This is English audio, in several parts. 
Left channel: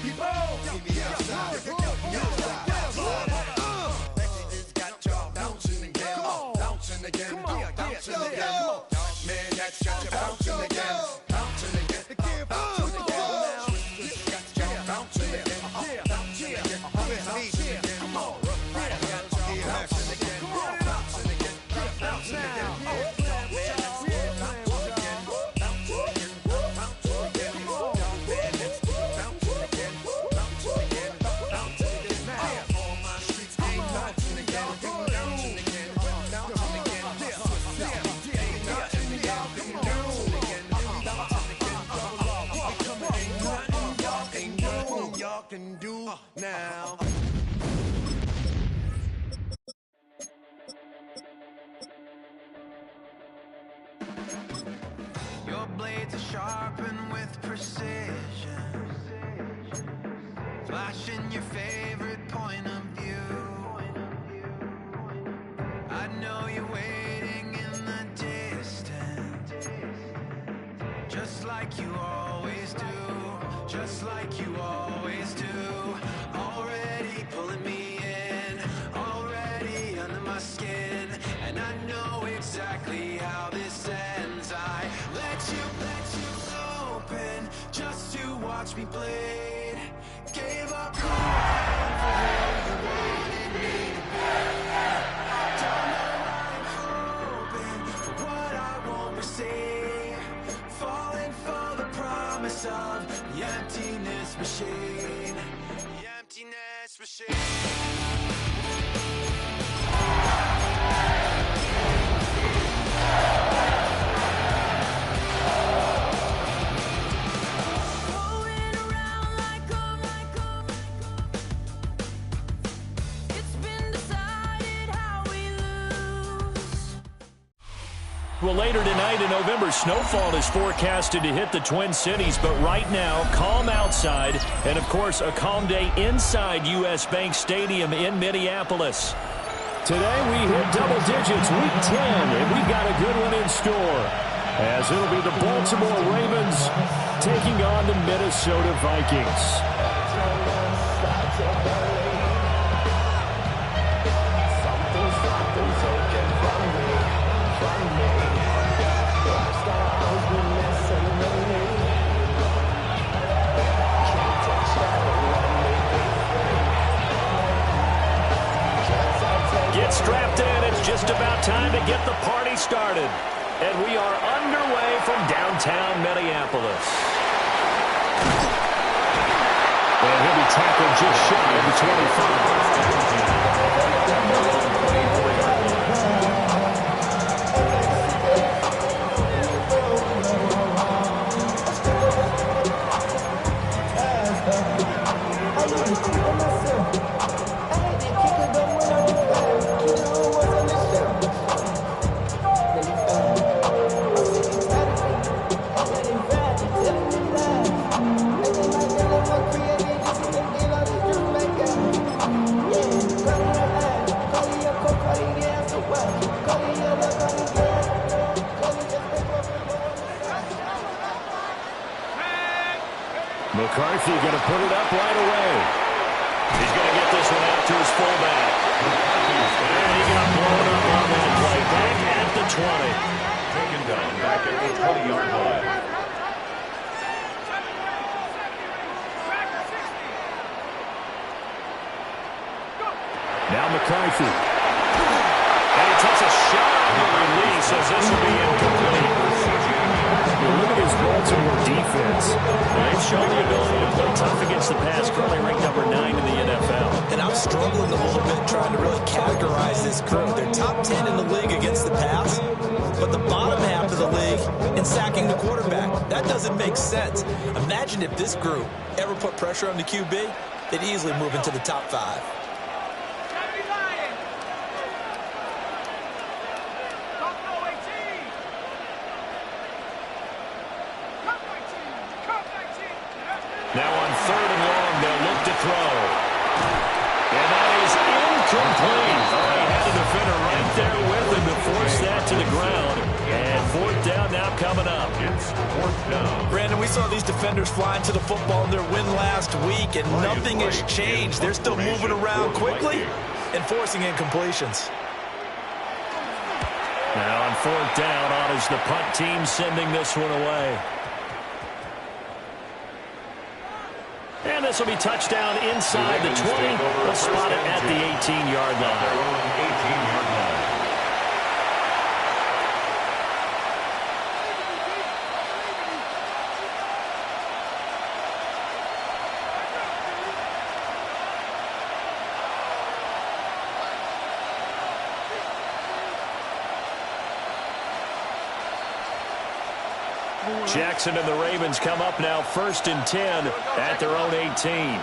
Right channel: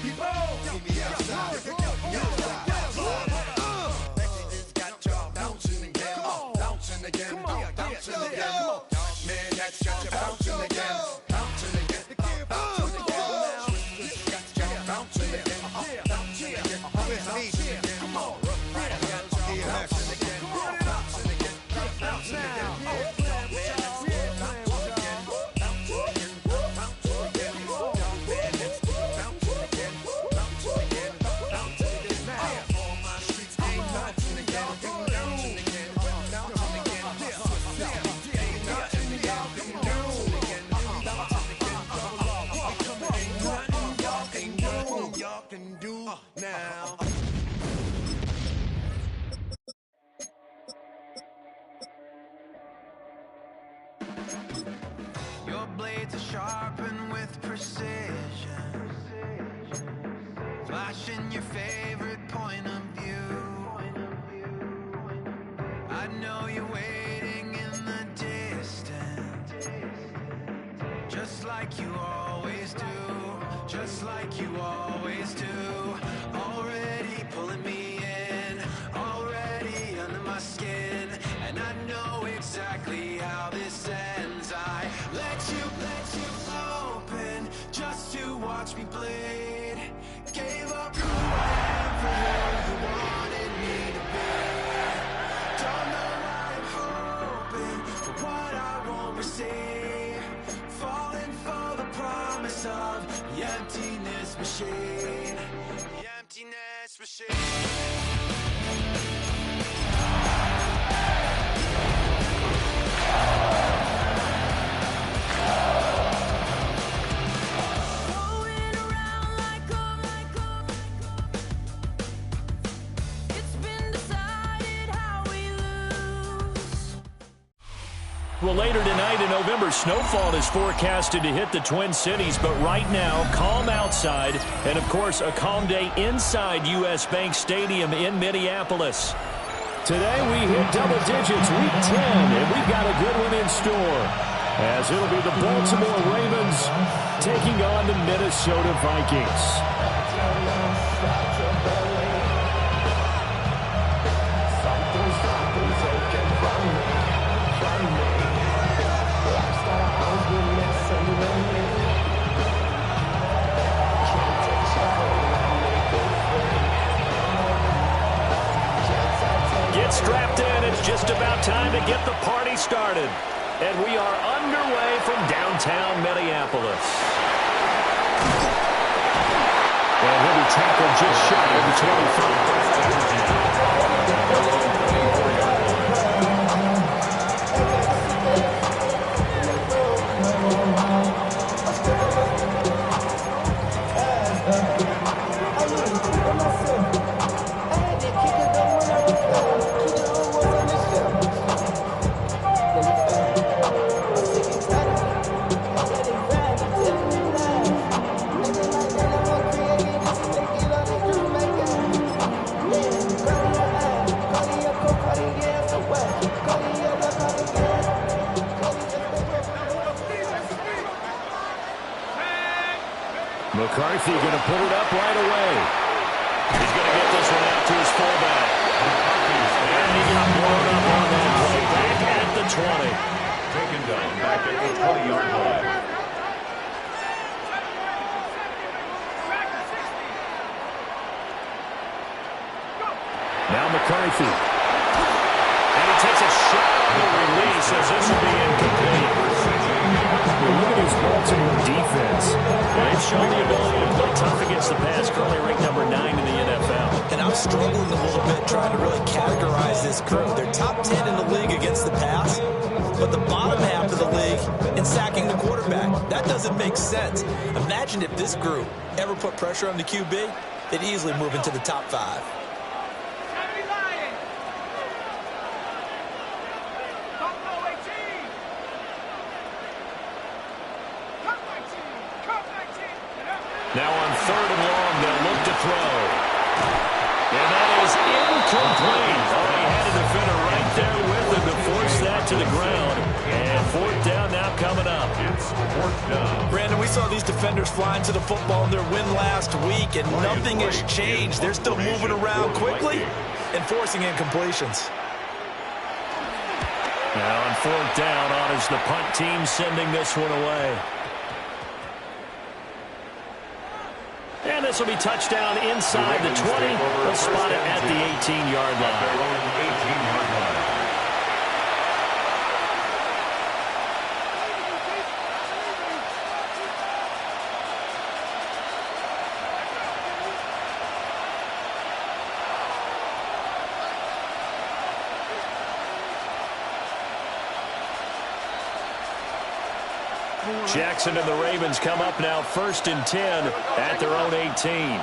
See me outside. Got y'all bouncing again. Bouncing again. Bouncing again. Man, that's got you bouncing again. Bouncing again. Bouncing again. Got y'all bouncing again. Bouncing again. Bouncing again. Come on. Got y'all bouncing again. Bouncing again. Bouncing again. Can do now. Your blades are sharpened with precision, flashing your favorite point of view. I know you're waiting in the distance, just like you always do. Just like you always do. Already pulling me in, already under my skin, and I know exactly how this ends. I let you open just to watch me bleed. Gave up who I am for who you wanted me to be. Don't know why I'm hoping for what I won't receive. Falling for the promise of the emptiness machine. The emptiness machine. Well, later tonight, a November snowfall is forecasted to hit the Twin Cities, but right now, calm outside, and, of course, a calm day inside U.S. Bank Stadium in Minneapolis. Today, we hit double digits, week 10, and we've got a good one in store, as it'll be the Baltimore Ravens taking on the Minnesota Vikings. Something's taken from me. Get strapped in. It's just about time to get the party started. And we are underway from downtown Minneapolis. And he'll be tackled just shy of the 25. McCarthy going to put it up right away. He's going to get this one out to his fullback. And he got blown up on that play. Back at the 20. Taken down back at the 20-yard line. Now McCarthy. And he takes a shot on the release as this will be incomplete. Look at his Baltimore defense. They've shown the ability to play tough against the pass, currently ranked number 9 in the NFL. And I'm struggling a little bit trying to really categorize this crew. They're top 10 in the league against the pass, but the bottom half of the league in sacking the quarterback. That doesn't make sense. Imagine if this group ever put pressure on the QB, they'd easily move into the top 5. Now on 3rd and long, they'll look to throw. And that is incomplete. Oh, he had a defender right there with him to force that to the ground. And fourth down now coming up. It's fourth down. Brandon, we saw these defenders flying to the football in their win last week, and nothing has changed. They're still moving around quickly and forcing incompletions. Now on fourth down, on is the punt team sending this one away. And this will be touchdown inside the 20. They'll spot it at the 18-yard line. Their own 18-yard line. Jackson and the Ravens come up now 1st and 10 at their own 18.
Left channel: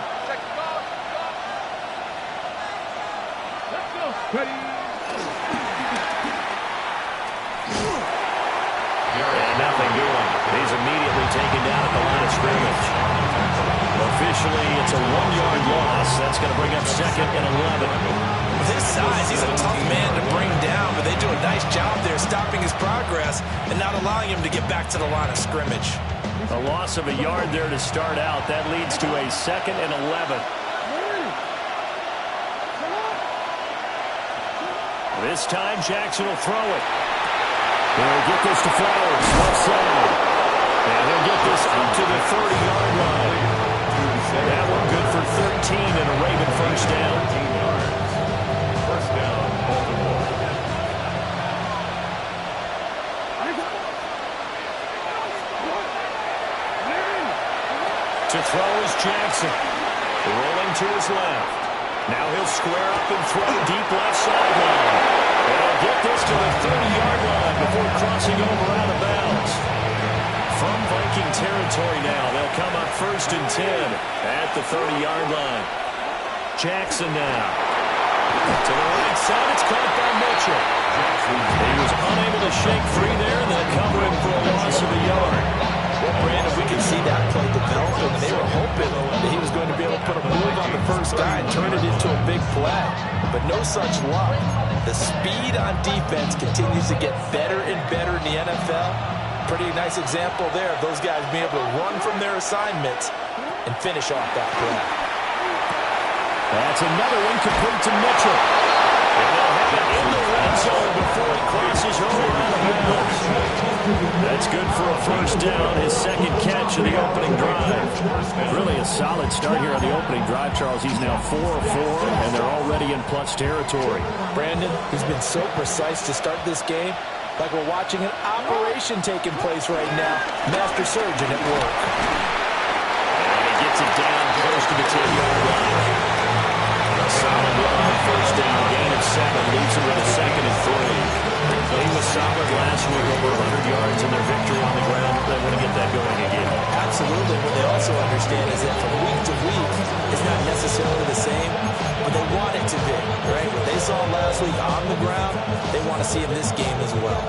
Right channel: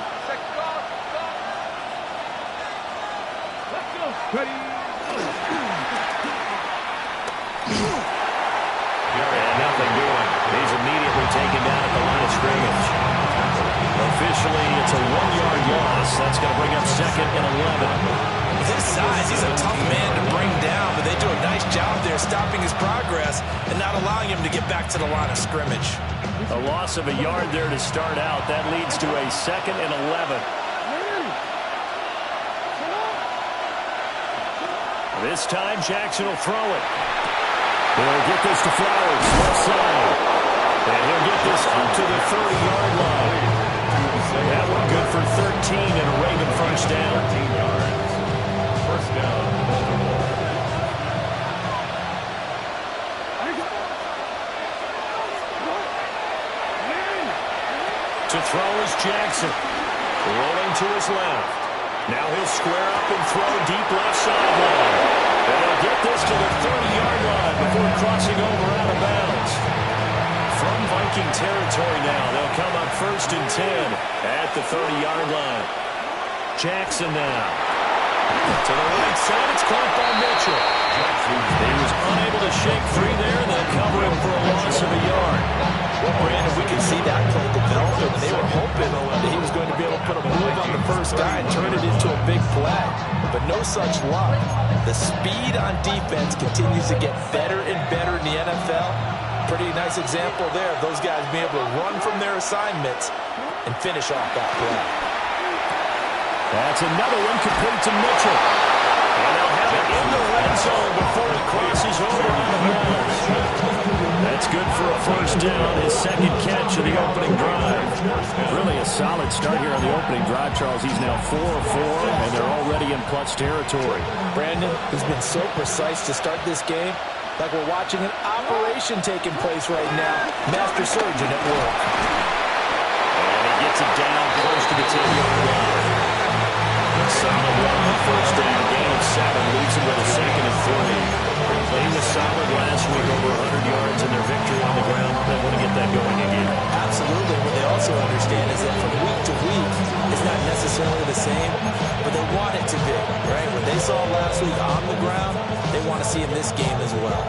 And nothing doing. He's immediately taken down at the line of scrimmage. Officially, it's a 1-yard loss. That's going to bring up 2nd and 11. With his size, he's a tough man to bring down, but they do a nice job there stopping his progress and not allowing him to get back to the line of scrimmage. A loss of a yard there to start out. That leads to a 2nd and 11. This time, Jackson will throw it. He'll get this to Flowers, left side. And he'll get this up to the 30-yard line. That one good for 13 and a Raven first down. 13 yards. First down, Baltimore. To throw is Jackson. Rolling to his left. Now he'll square up and throw deep left sideline. And he'll get this to the 30-yard line before crossing over out of bounds. From Viking territory now, they'll come up 1st and 10 at the 30-yard line. Jackson now. To the right side, it's caught by Mitchell. He was unable to shake free there, and they'll cover him for a loss of a yard. Well, Brandon, we can see that play developing. They were hoping that he was going to be able to put a move on the first guy and turn it into a big play. But no such luck. The speed on defense continues to get better and better in the NFL. Pretty nice example there of those guys being able to run from their assignments and finish off that play. That's another one complete to Mitchell. And they'll have it in the red zone before it crosses over out of bounds. That's good for a first down, his 2nd catch of the opening drive. Really a solid start here on the opening drive, Charles. He's now 4 of 4, and they're already in plus territory. Brandon, he's been so precise to start this game, like we're watching an operation taking place right now. Master surgeon at work. And he gets it down close to the 10-yard line. Solid run on first down, gain of 7, leaves him with a 2nd and 3. He was solid last week, over 100 yards in their victory on the ground. They want to get that going again. Absolutely. What they also understand is that from week to week, it's not necessarily the same, but they want it to be, right? What they saw last week on the ground, they want to see in this game as well.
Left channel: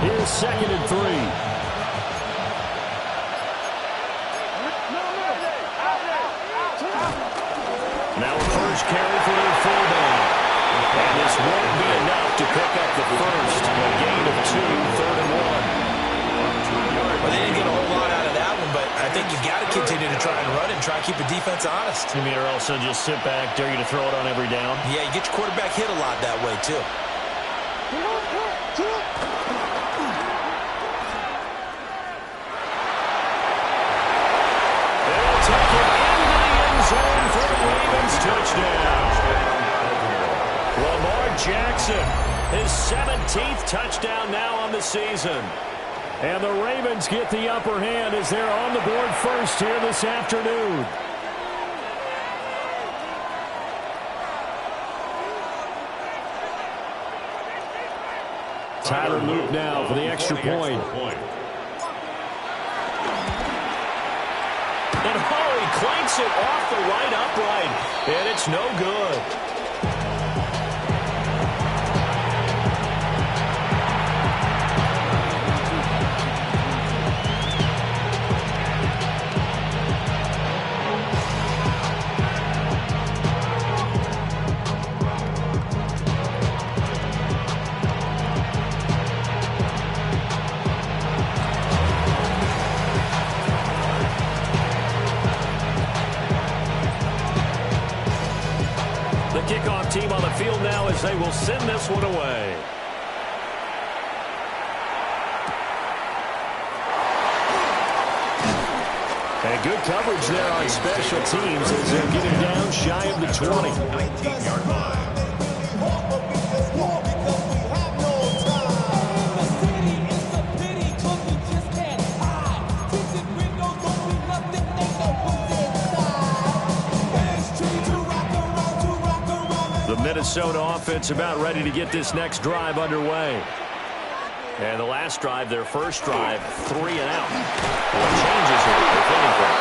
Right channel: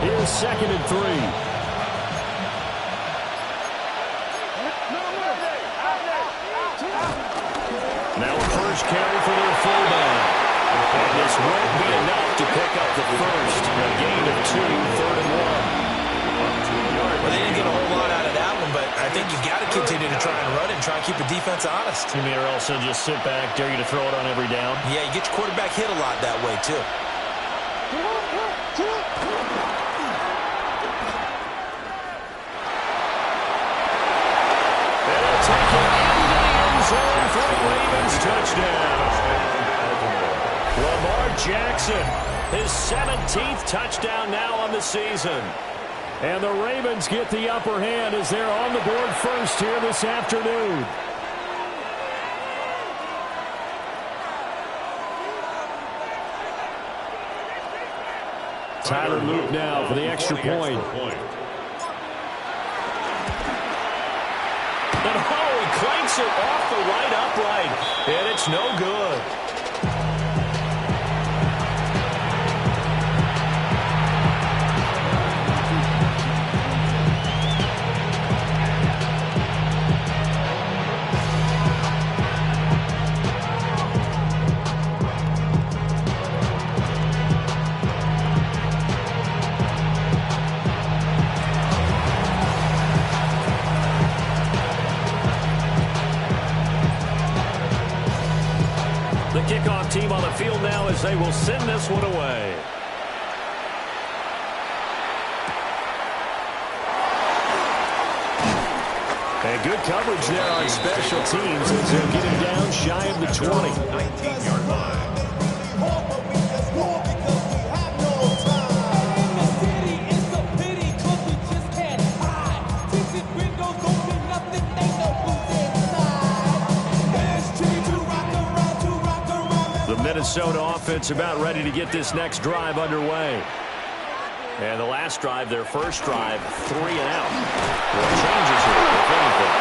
Here's 2nd and 3. Now a first carry for their fullback. And this won't be enough to pick up the first. A gain of 2, 3rd and 1. Well, they didn't get a whole lot out of that one, but I think you got to continue to try and run and try and keep the defense honest. You mean, or else they'll just sit back, dare you to throw it on every down? Yeah, you get your quarterback hit a lot that way, too. And they'll take it into the end zone for a Ravens touchdown. Lamar Jackson, his 17th touchdown now on the season. And the Ravens get the upper hand as they're on the board first here this afternoon. Tyler Luke now for the extra point. And oh, he clanks it off the right upright, and it's no good. kickoff team on the field now as they will send this one away. And good coverage there on special teams as they'll get him down shy of the 20. 19-yard line. The Minnesota offense about ready to get this next drive underway. And the last drive, their first drive, 3 and out. What changes here, if anything?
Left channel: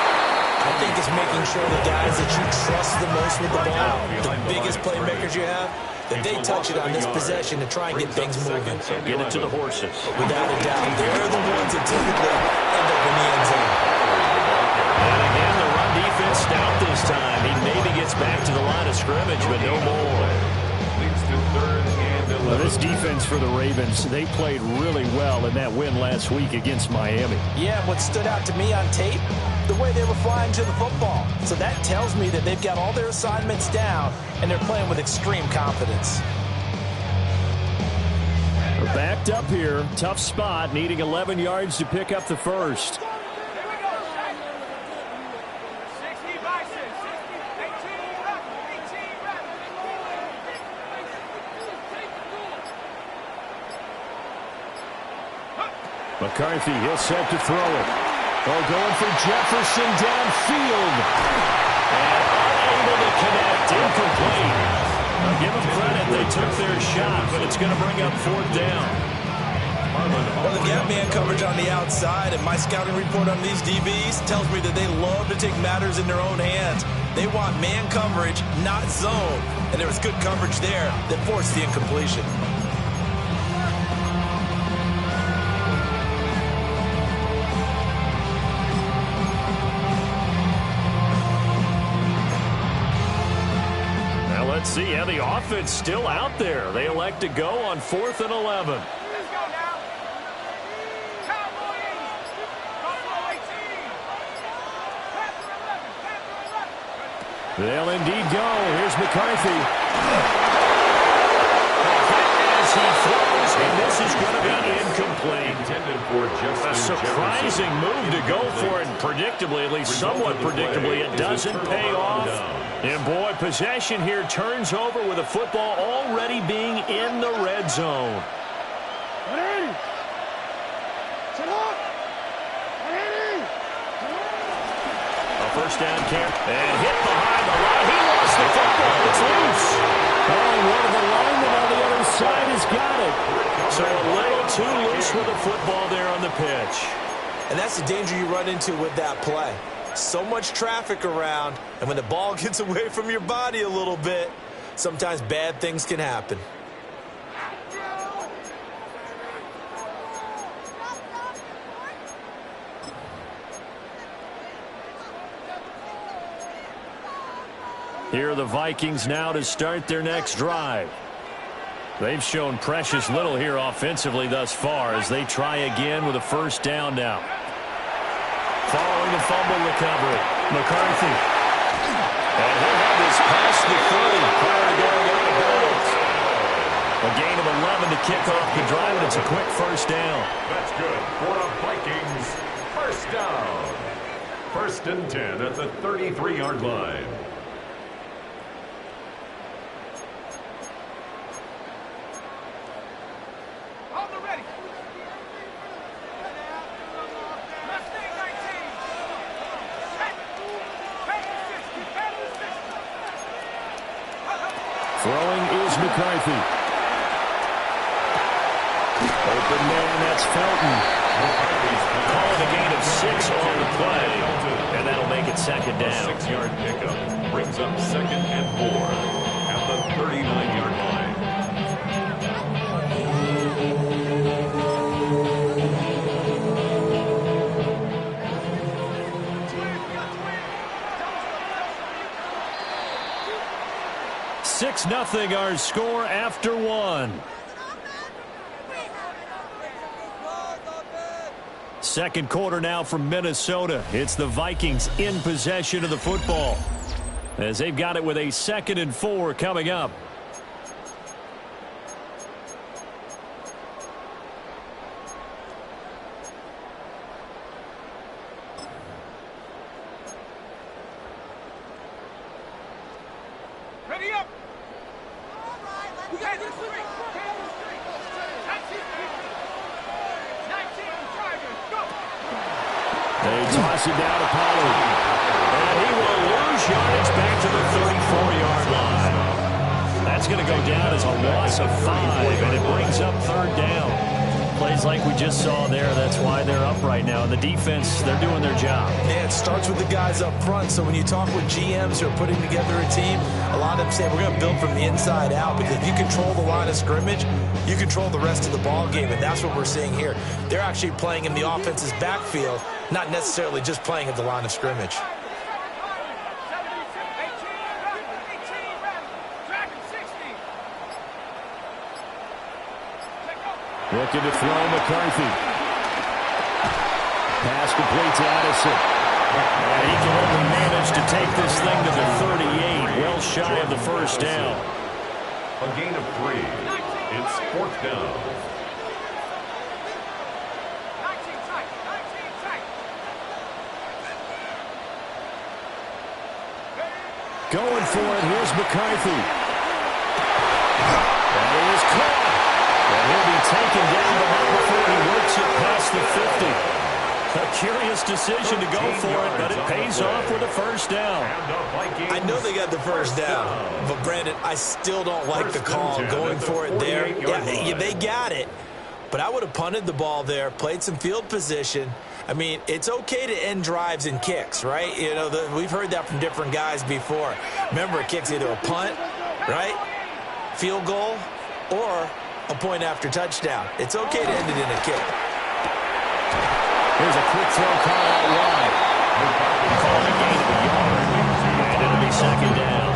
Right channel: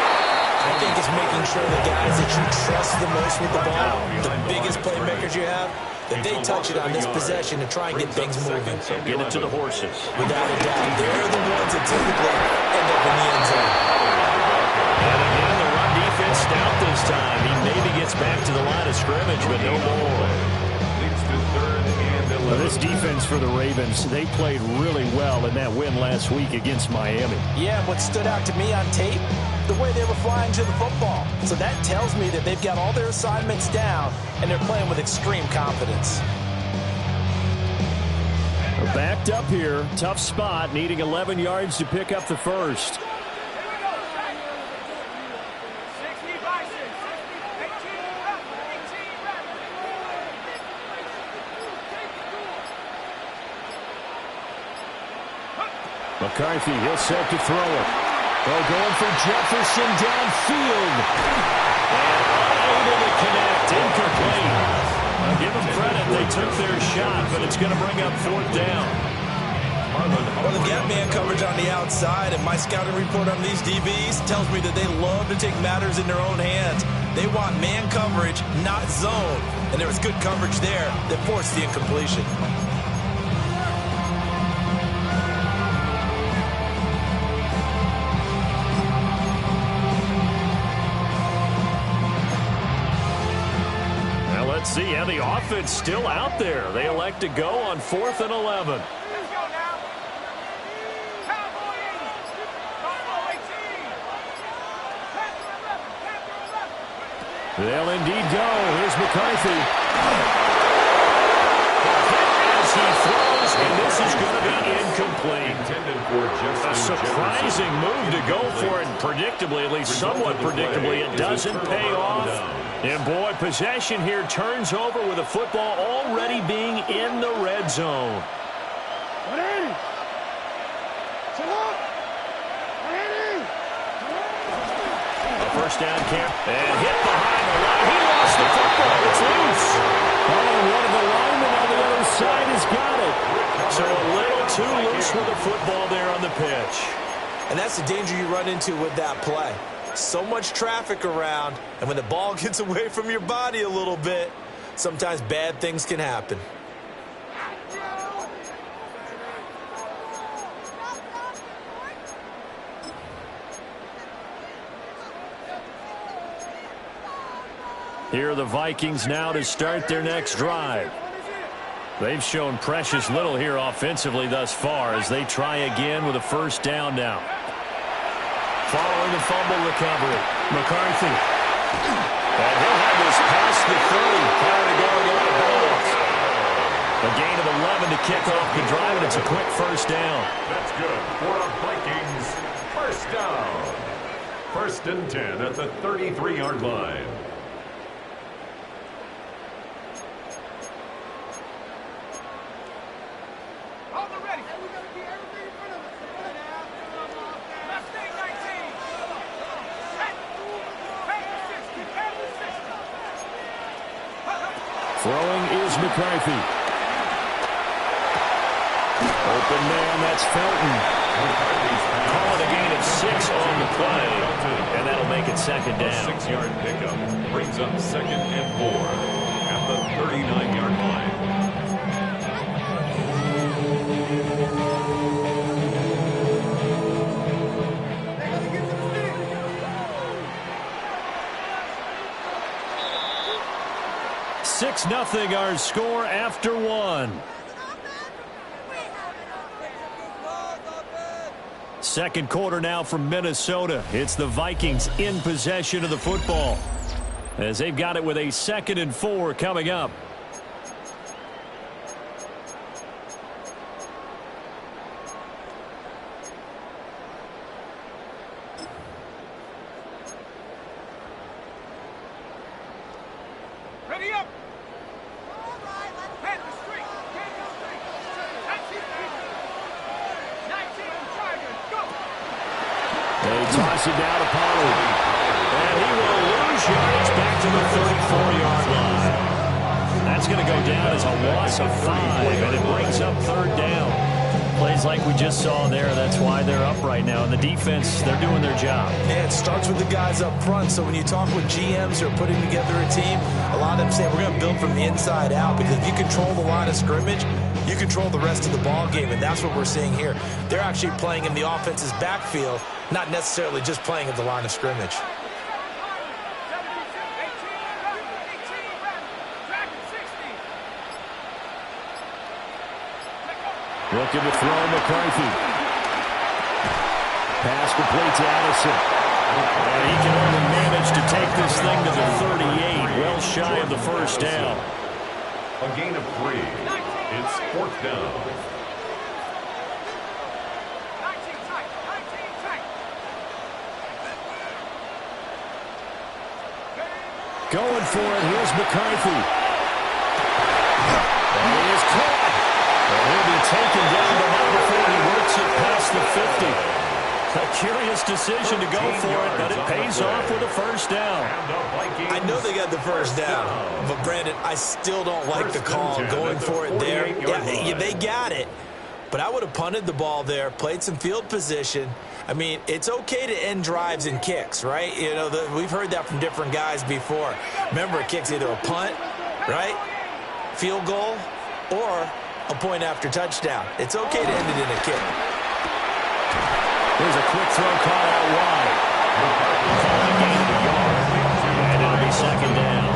I think it's making sure the guys that you trust the most with the ball, the biggest playmakers you have, that they touch it on this possession to try and get things moving. So get it to the horses. Without a doubt, they're the ones that typically end up in the end zone. And again, the run defense stout this time. He maybe gets back to the line of scrimmage, but no more. Leads to 3rd and 11. Well, this defense for the Ravens, they played really well in that win last week against Miami. Yeah, what stood out to me on tape, the way they were flying to the football. So that tells me that they've got all their assignments down, and they're playing with extreme confidence. They're backed up here. Tough spot, needing 11 yards to pick up the first. McCarthy, he'll set to throw it. Oh, going for Jefferson downfield. And unable to connect. Incomplete. I'll give them credit. They took their shot, but it's going to bring up 4th down. Well, they've got man coverage on the outside, and my scouting report on these DBs tells me that they love to take matters in their own hands. They want man coverage, not zone. And there was good coverage there that forced the incompletion. Let's see how the offense still out there. They elect to go on 4th and 11. Let's go now. Cowboy 80. Buffalo 18. Panther 11. Panther 11. They'll indeed go. Here's McCarthy. As he throws, and this is going to be incomplete. A surprising move to go for it, and predictably, at least somewhat predictably, it doesn't pay off. And boy, possession here turns over with the football already being in the red zone. A first down camp, and hit behind the line. He lost the football. It's loose. Oh, one of the linemen on the other side has got it. So a little too loose with the football there on the pitch. And that's the danger you run into with that play. So much traffic around, and when the ball gets away from your body a little bit, sometimes bad things can happen. Here are the Vikings now to start their next drive. They've shown precious little here offensively thus far as they try again with a first down now. Following the fumble recovery, McCarthy. And he'll have this past the 30 prior to going out of bounds. A gain of 11 to kick off the drive, and it's a quick first down. That's good for the Vikings. First down. 1st and 10 at the 33-yard line. Throwing is McCarthy. Open man, that's Felton. Calling a gain of 6 on the play, and that'll make it 2nd down. 6-yard pickup brings up 2nd and 4 at the 39-yard line. Six nothing our score after 1. Second quarter now from Minnesota. It's the Vikings in possession of the football. as they've got it with a 2nd and 4 coming up. Ready up. Head the street. Head the street. 19 Tigers. Go. They toss it down to Pollard. And he will lose yardage back to the 34-yard line. That's going to go down as a loss of 5, and it brings up 3rd down. Plays like we just saw there. That's why they're up right now. And the defense, they're doing their job. Yeah, it starts with the guys up front. So when you talk with GMs who are putting together a team, a lot of them say we're going to build from the inside out, because if you control the line of scrimmage, you control the rest of the ball game, and that's what we're seeing here. They're actually playing in the offense's backfield, not necessarily just playing at the line of scrimmage. Looking to throw McCarthy. Pass complete to Addison. And he can only manage to take this thing to the 38, well shy of the 1st down. A gain of 3. It's 4th down. 19 tight. 19 tight. Going for it. Here's McCarthy. And he is caught. And he'll be taken down, but not before he works it past the 50. A curious decision to go for it, but it pays off with a 1st down. I know they got the 1st down, but Brandon, I still don't like the call going for it there. Yeah, they got it, but I would have punted the ball there, played some field position. I mean, it's okay to end drives and kicks, right? You know, we've heard that from different guys before. Remember, a kick's either a punt, right, field goal, or a point after touchdown. It's okay to end it in a kick. Here's a quick throw caught out wide. Called a gain of a yard. And it'll be 2nd down.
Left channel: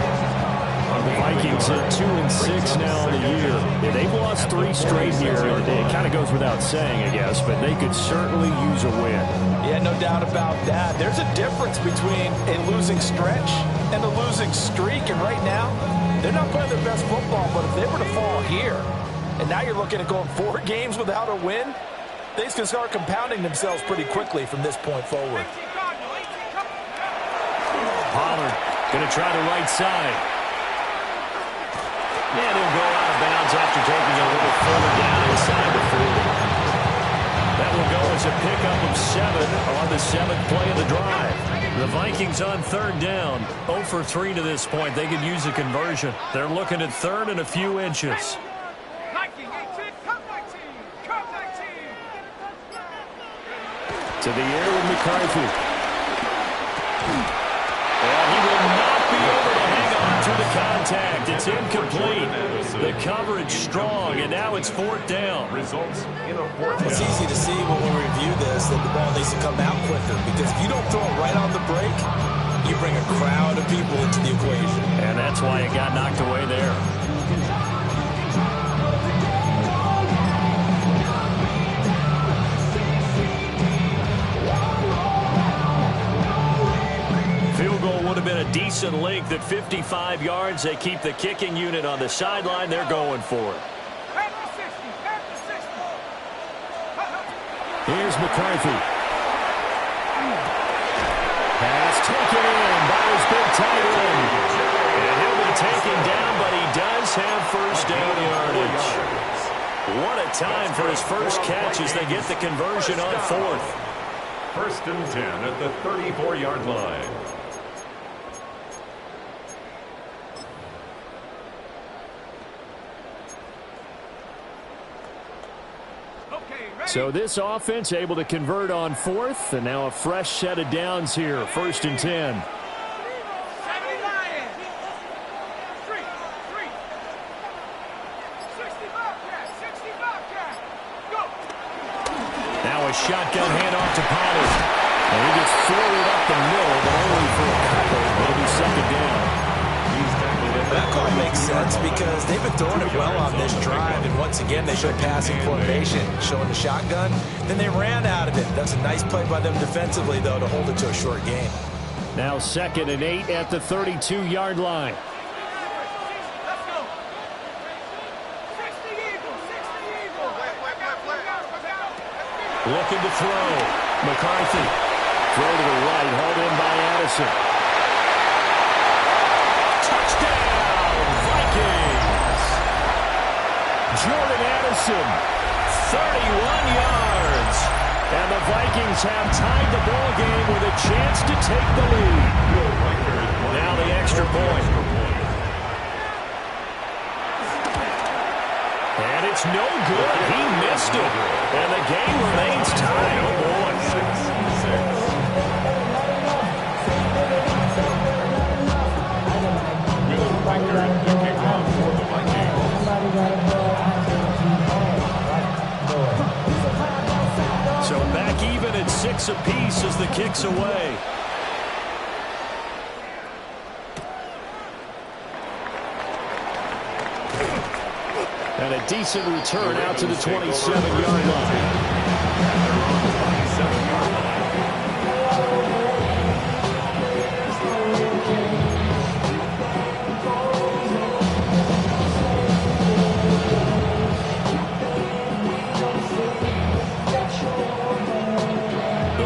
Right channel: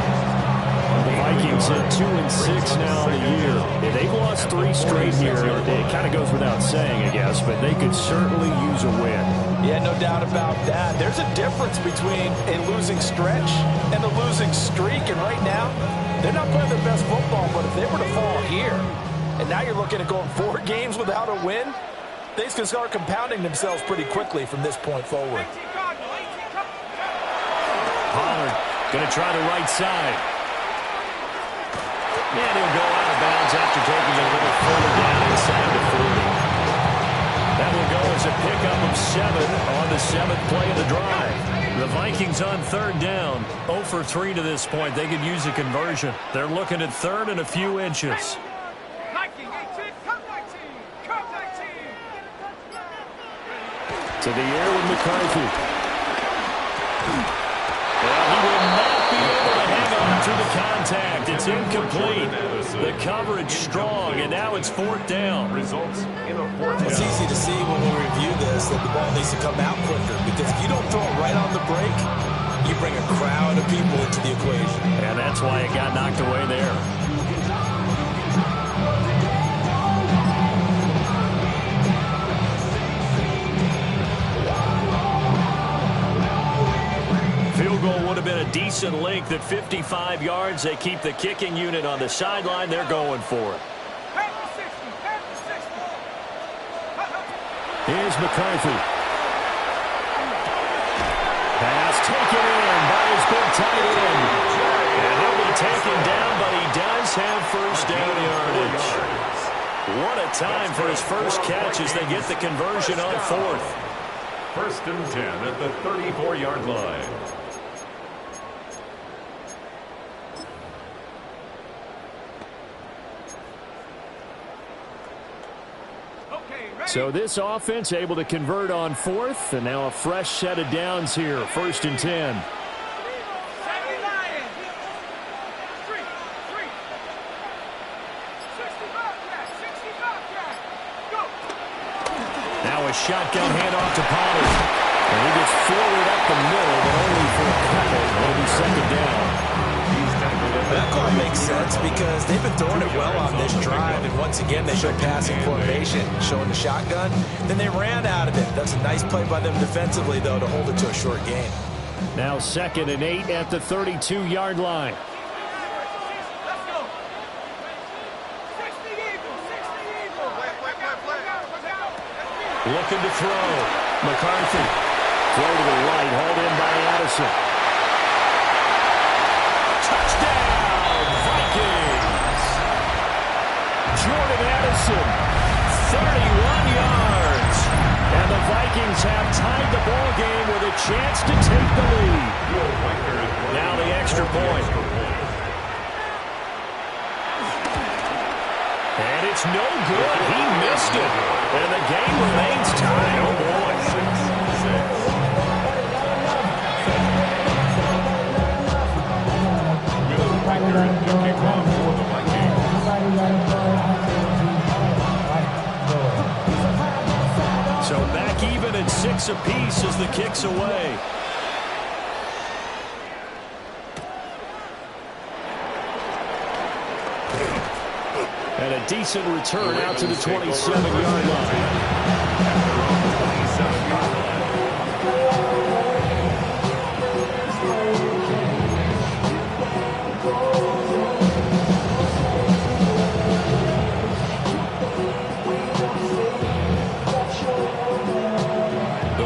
The Vikings at 2-6 now on the year. Yeah, they've lost 3 straight here. It kind of goes without saying, I guess, but they could certainly use a win. Yeah, no doubt about that. There's a difference between a losing stretch and a losing streak, and right now, they're not playing their best football, but if they were to fall here, and now you're looking at going 4 games without a win, things can start compounding themselves pretty quickly from this point forward. Pollard going to try the right side. And he'll go out of bounds after taking it a little further down inside the 40. That will go as a pickup of 7 on the 7th play of the drive. The Vikings on 3rd down, 0 for 3 to this point. They could use a conversion. They're looking at 3rd and a few inches. To the air with McCarthy. Well, he will not be able to hang on to the contact. It's incomplete. The coverage strong, and now it's 4th down. Results in a 4th down. It's easy to see when we review this that the ball needs to come out quicker, because if you don't throw it right on the break, you bring a crowd of people into the equation. And that's why it got knocked away there. Field goal would have been a decent length at 55 yards. They keep the kicking unit on the sideline. They're going for it. Here's McCarthy. Pass taken in by his big tight end. And he'll be taken down, but he does have 1st down yardage. What a time for his first catch as they get the conversion on 4th. 1st and 10 at the 34-yard line. So this offense able to convert on 4th, and now a fresh set of downs here. 1st and 10. Now a shotgun handoff to Pollard. And he gets forward up the middle, but only for a couple. It'll be 2nd down. That call makes sense because they've been throwing it well on this drive, and once again they showed passing formation, showing the shotgun. Then they ran out of it. That's a nice play by them defensively, though, to hold it to a short game. Now 2nd and 8 at the 32-yard line. Let's go. 60 Eagles. 60 Eagles. Looking to throw. McCarthy. Throw to the right, hauled in by Addison. Touchdown, Vikings! Jordan Addison, 31 yards. And the Vikings have tied the ball game with a chance to take the lead. Now the extra point. And it's no good. He missed it. And the game remains tied. Oh, boy. 6-6. Will Riker to kick off for the Vikings. So back even at 6 apiece as the kick's away. And a decent return out to the 27-yard line. At their own 27-yard line.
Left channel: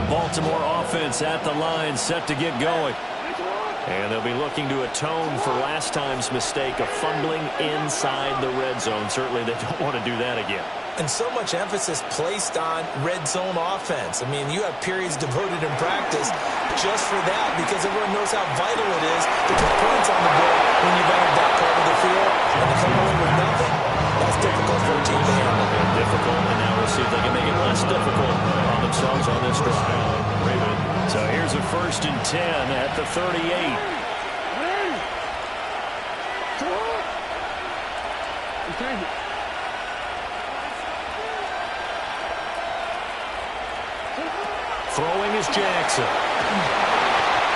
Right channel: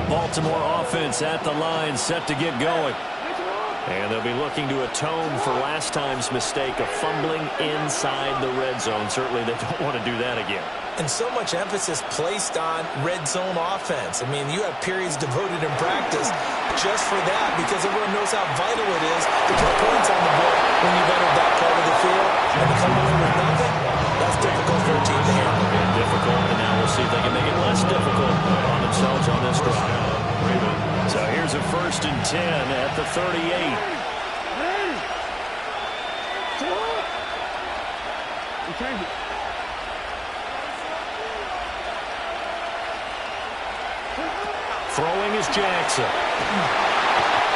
Baltimore offense at the line, set to get going. And they'll be looking to atone for last time's mistake of fumbling inside the red zone. Certainly they don't want to do that again. And so much emphasis placed on red zone offense. I mean, you have periods devoted in practice just for that because everyone knows how vital it is to put points on the board when you've entered that part of the field. And to come away with nothing, that's difficult for a team to handle. Difficult, and now we'll see if they can make it less difficult on themselves on this drive. So here's a 1st and 10 at the 38. Throwing is Jackson.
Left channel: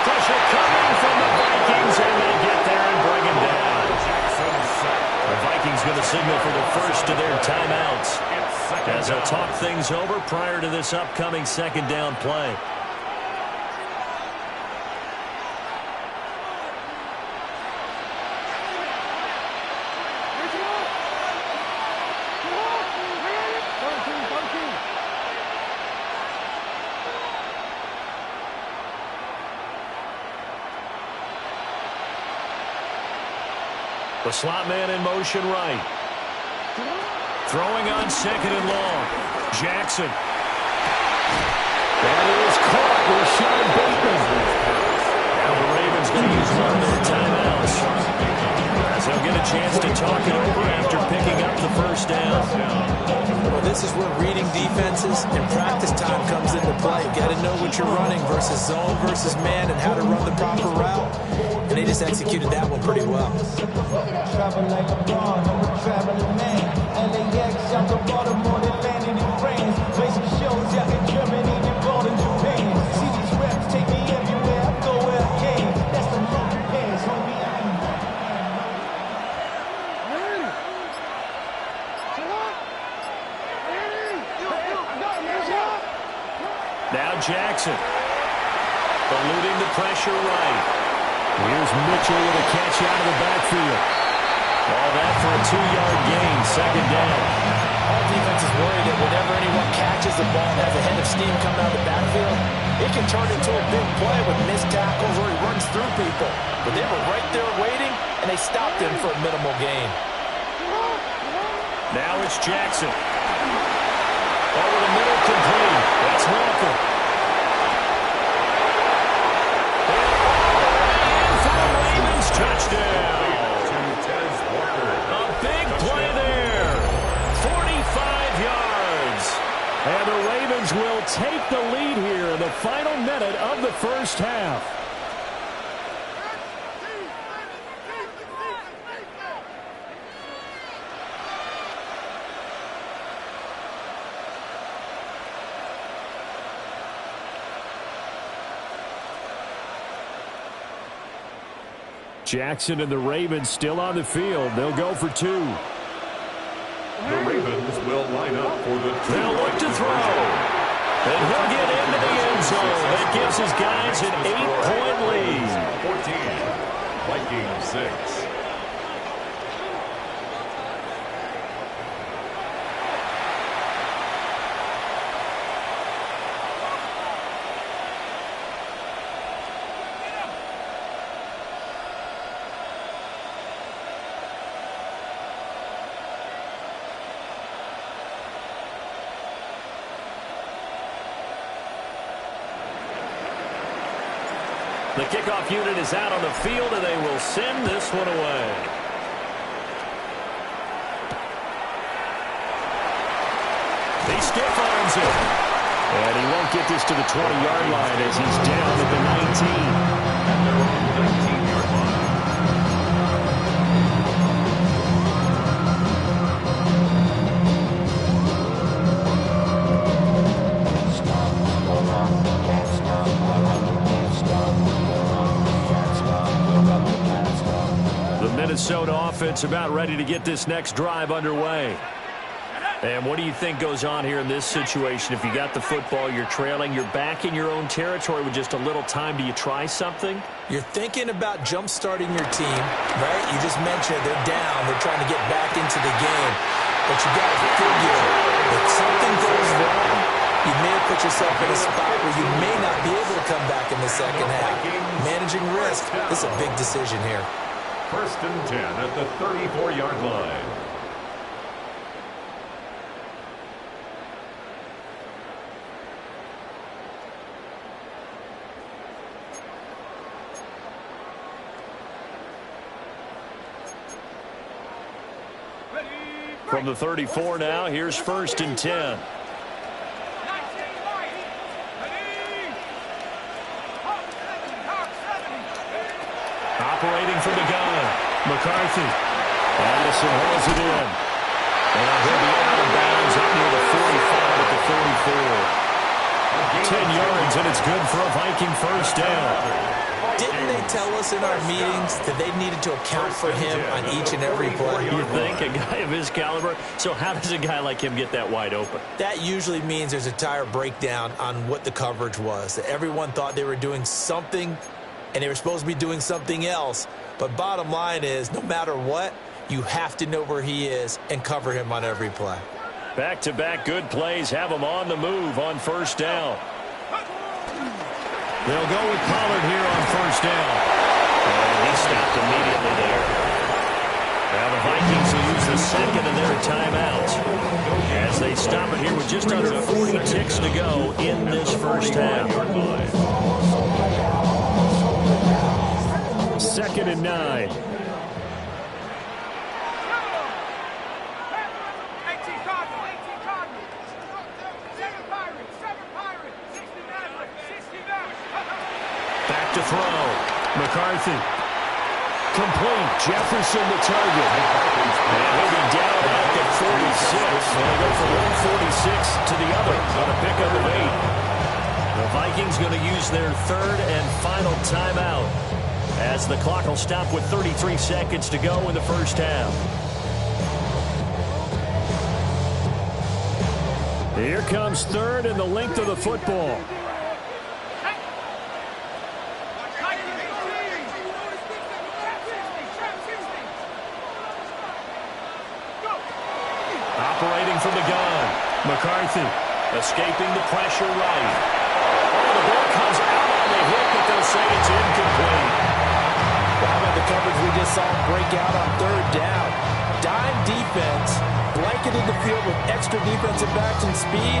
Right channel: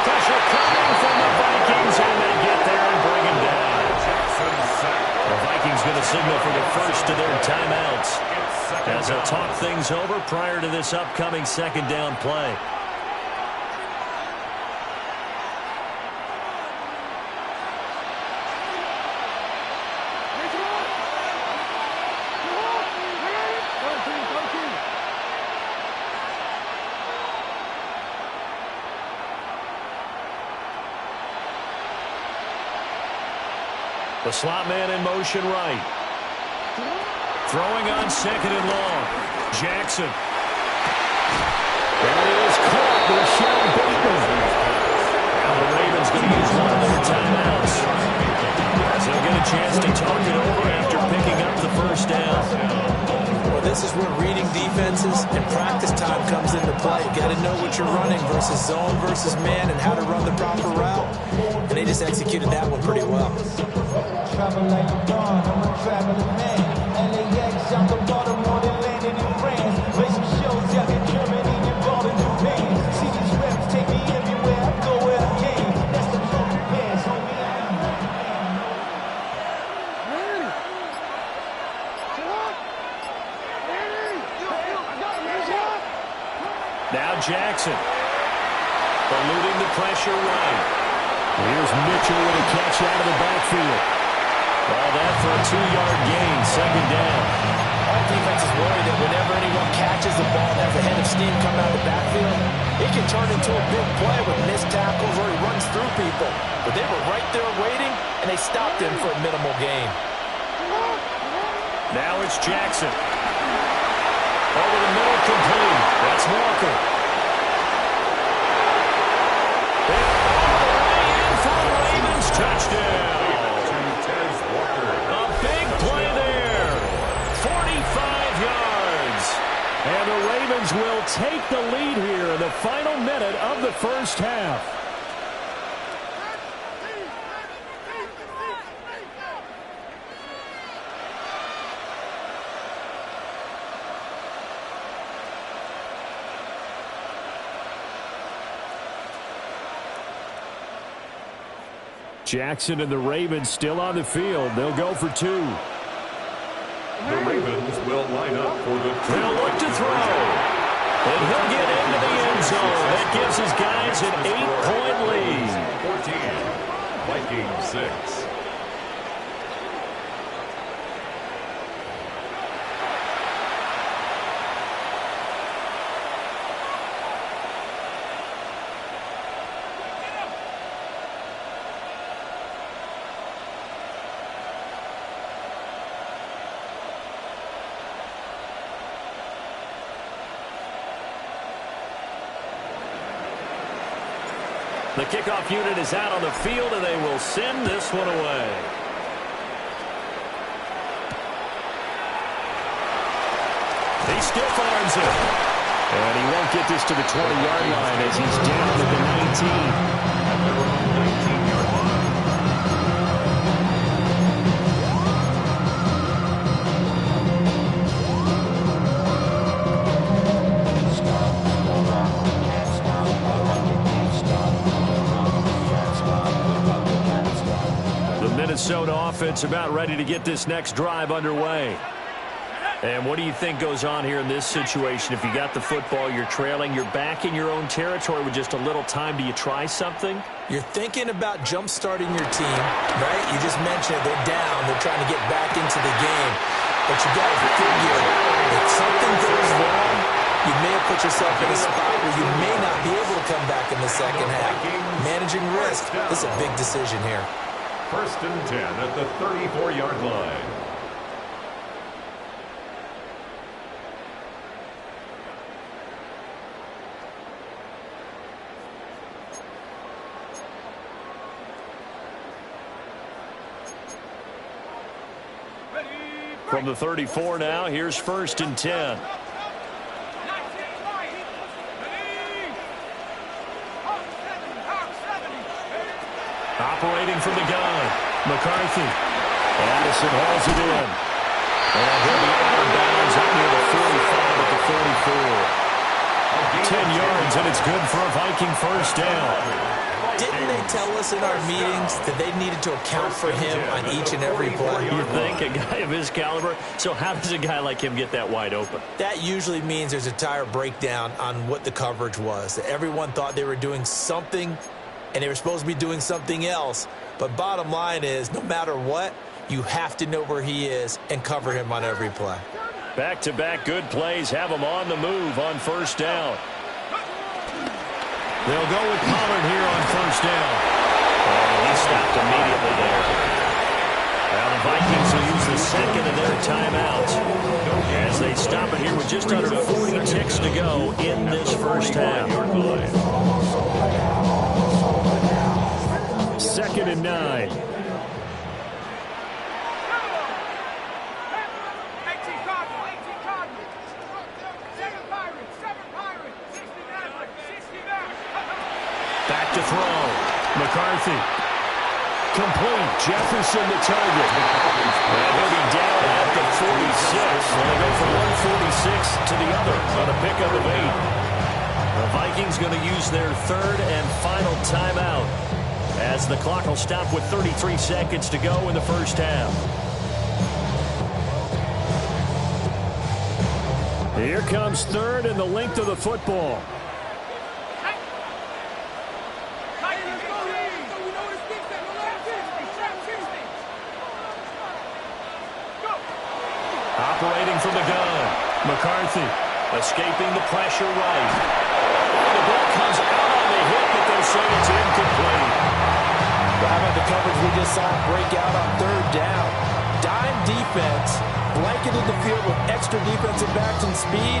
Pressure coming from the Vikings, and they get there and bring him down. The Vikings going to signal for the first of their timeouts as they'll talk things over prior to this upcoming 2nd down play. The slot man in motion right. Throwing on 2nd and long. Jackson. That is caught. Rashawn Bateman. Now the Ravens going to use one of their timeouts as they'll get a chance to talk it over after picking up the first down. Well, this is where reading defenses and practice time comes into play. You got to know what you're running versus zone versus man and how to run the proper route. And they just executed that one pretty well. Travel like LeBron, I'm a traveling man. LAX out to Baltimore, they landed in France. Play some shows out in Germany, involved in Japan. See these reps take me everywhere, I go where I can. That's the funky pants, homie. Now Jackson. Eluding the pressure right. Here's Mitchell with a catch out of the backfield. All that for a 2-yard gain, 2nd down. All defenses worry that whenever anyone catches the ball and has a head of steam coming out of the backfield, it can turn into a big play with missed tackles or he runs through people. But they were right there waiting, and they stopped him for a minimal gain. Now it's Jackson. Over the middle, complete. That's Walker. And all the way in for a Ravens touchdown. A big play there. 45 yards. And the Ravens will take the lead here in the final minute of the first half. Jackson and the Ravens still on the field. They'll go for 2. The Ravens will line up for the 2. They'll look to throw. And he'll get into the end zone. That gives his guys an 8-point lead. 14, Vikings 6. The kickoff unit is out on the field, and they will send this one away. He stiff arms it. And he won't get this to the 20-yard line as he's down at the 19. At their own 19-yard line. Minnesota offense about ready to get this next drive underway. And what do you think goes on here in this situation? If you got the football, you're trailing, you're back in your own territory with just a little time. Do you try something? You're thinking about jump-starting your team, right? You just mentioned it. They're down. They're trying to get back into the game. But you got to figure, if something goes wrong, you may have put yourself in a spot where you may not be able to come back in the second half. Managing risk, this is a big decision here. 1st and 10 at the 34-yard line. From the 34 now, here's 1st and 10. Operating from the gun, McCarthy. Addison hauls it in. And he'll be out of bounds up near the 45 at the 44. 10 yards, and it's good for a Viking first down. Didn't they tell us in our meetings that they needed to account for him on each and every play? You think? A guy of his caliber? So how does a guy like him get that wide open? That usually means there's a tire breakdown on what the coverage was. Everyone thought they were doing something, and they were supposed to be doing something else. But bottom line is, no matter what, you have to know where he is and cover him on every play. Back-to-back good plays have him on the move on first down. They'll go with Pollard here on first down. And he stopped immediately there. Now the Vikings will use the second of their timeouts as they stop it here with just under 40 ticks to go in this first half. 2nd and 9. Back to throw. McCarthy. Complete. Jefferson the target. And he'll be down at the 46. And they go from 146 to the other on a pickup of 8. The Vikings going to use their 3rd and final timeout as the clock will stop with 33 seconds to go in the first half. Here comes 3rd and the length of the football. Operating from the gun. McCarthy escaping the pressure right. Oh, the ball comes out on the hit, but they'll say it's incomplete. Well, how about the coverage we just saw break out on 3rd down? Dime defense, blanketed the field with extra defensive backs and speed,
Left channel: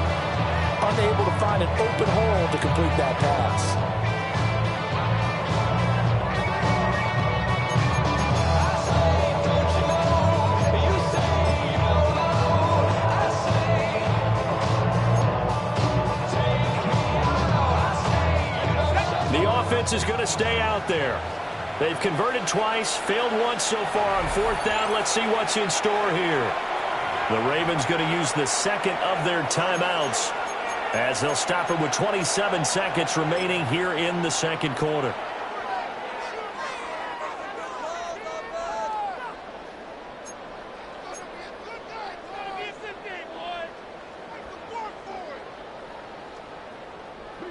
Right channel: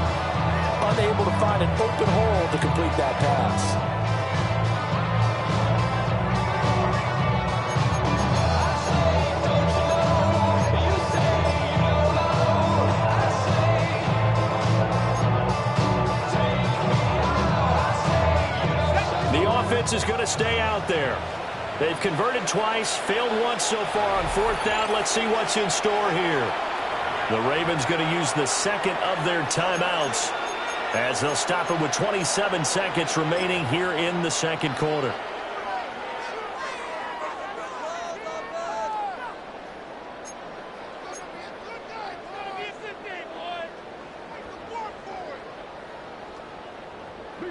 unable to find an open hole to complete that pass. Offense is going to stay out there. They've converted twice, failed once so far on 4th down. Let's see what's in store here. The Ravens going to use the 2nd of their timeouts as they'll stop it with 27 seconds remaining here in the 2nd quarter.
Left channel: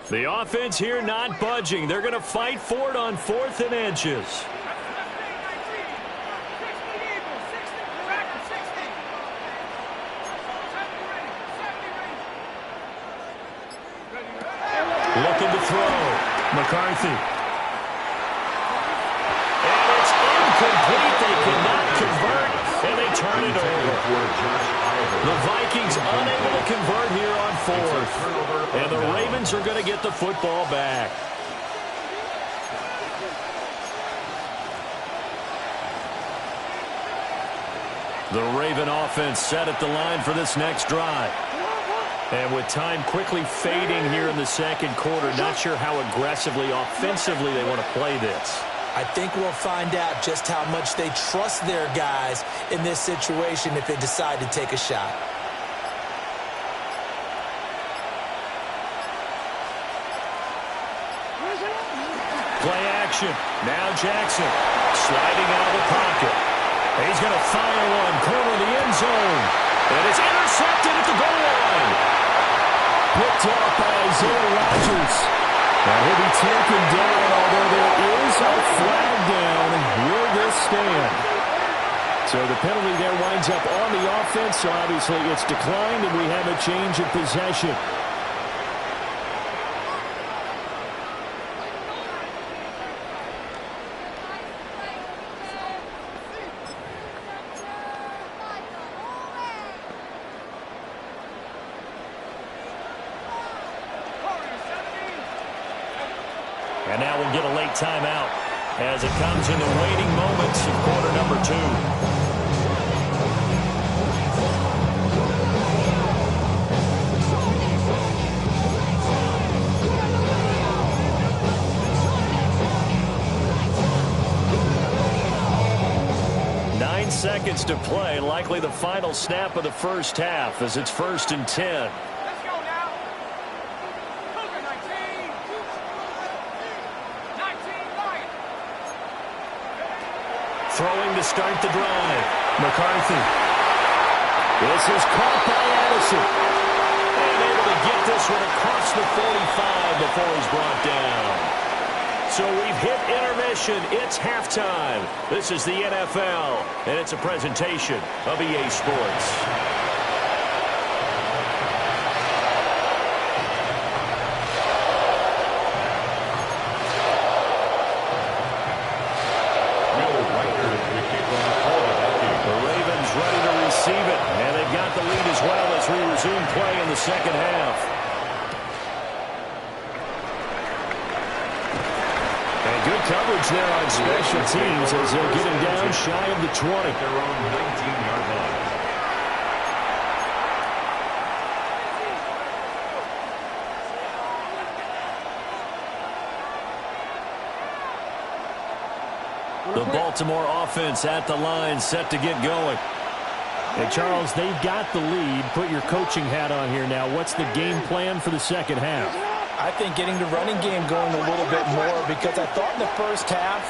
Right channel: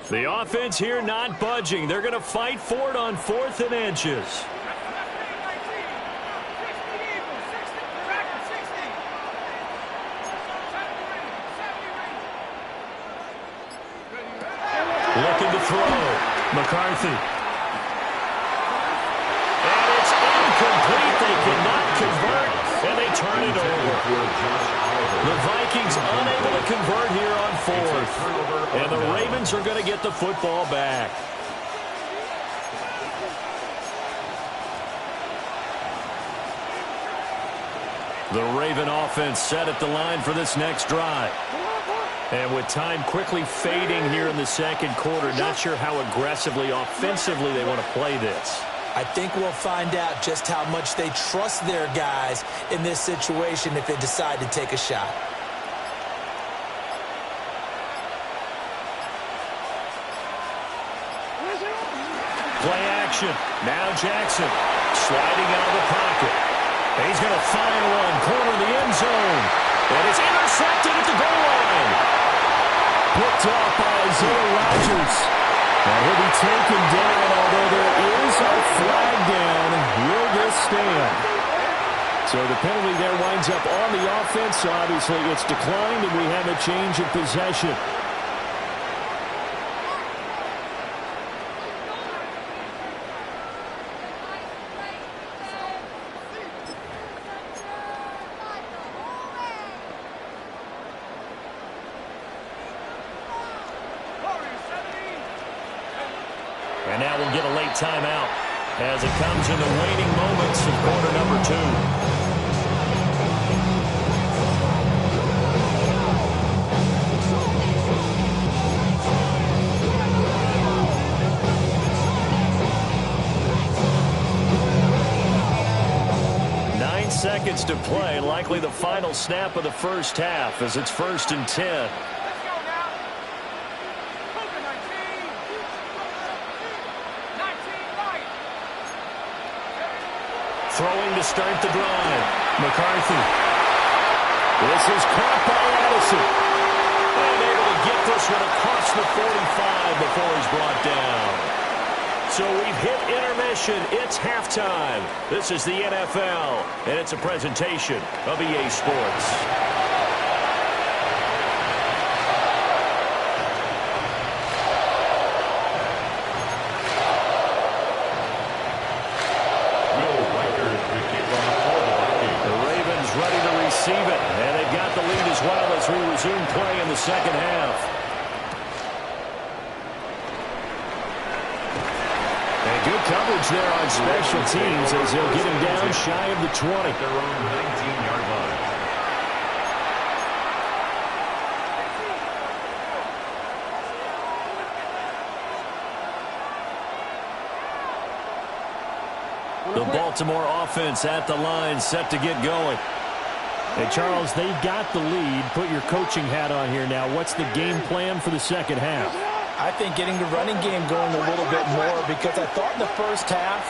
The offense here not budging. They're going to fight for it on 4th and inches. Looking to throw. McCarthy. And it's incomplete. They cannot convert, and they turn it over. The Vikings unable to convert here on 4th. And the Ravens are going to get the football back. The Raven offense set at the line for this next drive. And with time quickly fading here in the second quarter, not sure how aggressively, offensively they want to play this. I think we'll find out just how much they trust their guys in this situation if they decide to take a shot. Play action. Now Jackson sliding out of the pocket. He's going to fire one, corner of the end zone. And it's intercepted at the goal line. Picked off by Isaiah Rodgers. Now he'll be taken down, although there is a flag down. Will this stand? So the penalty there winds up on the offense. So obviously it's declined, and we have a change of possession. And now we'll get a late timeout as it comes in the waning moments of quarter number 2. Nine seconds to play, likely the final snap of the first half as it's 1st and 10. Throwing to start the drive. McCarthy. This is caught by Addison. And able to get this one across the 45 before he's brought down. So we've hit intermission. It's halftime. This is the NFL, and it's a presentation of EA Sports. Ready to receive it, and they've got the lead as well as we resume play in the second half. And good coverage there on special teams as they'll get him down shy of the 20. At their own 19-yard line. The Baltimore offense at the line, set to get going. Hey, Charles, they've got the lead. Put your coaching hat on here now. What's the game plan for the second half? I think getting the running game going a little bit more, because I thought in the first half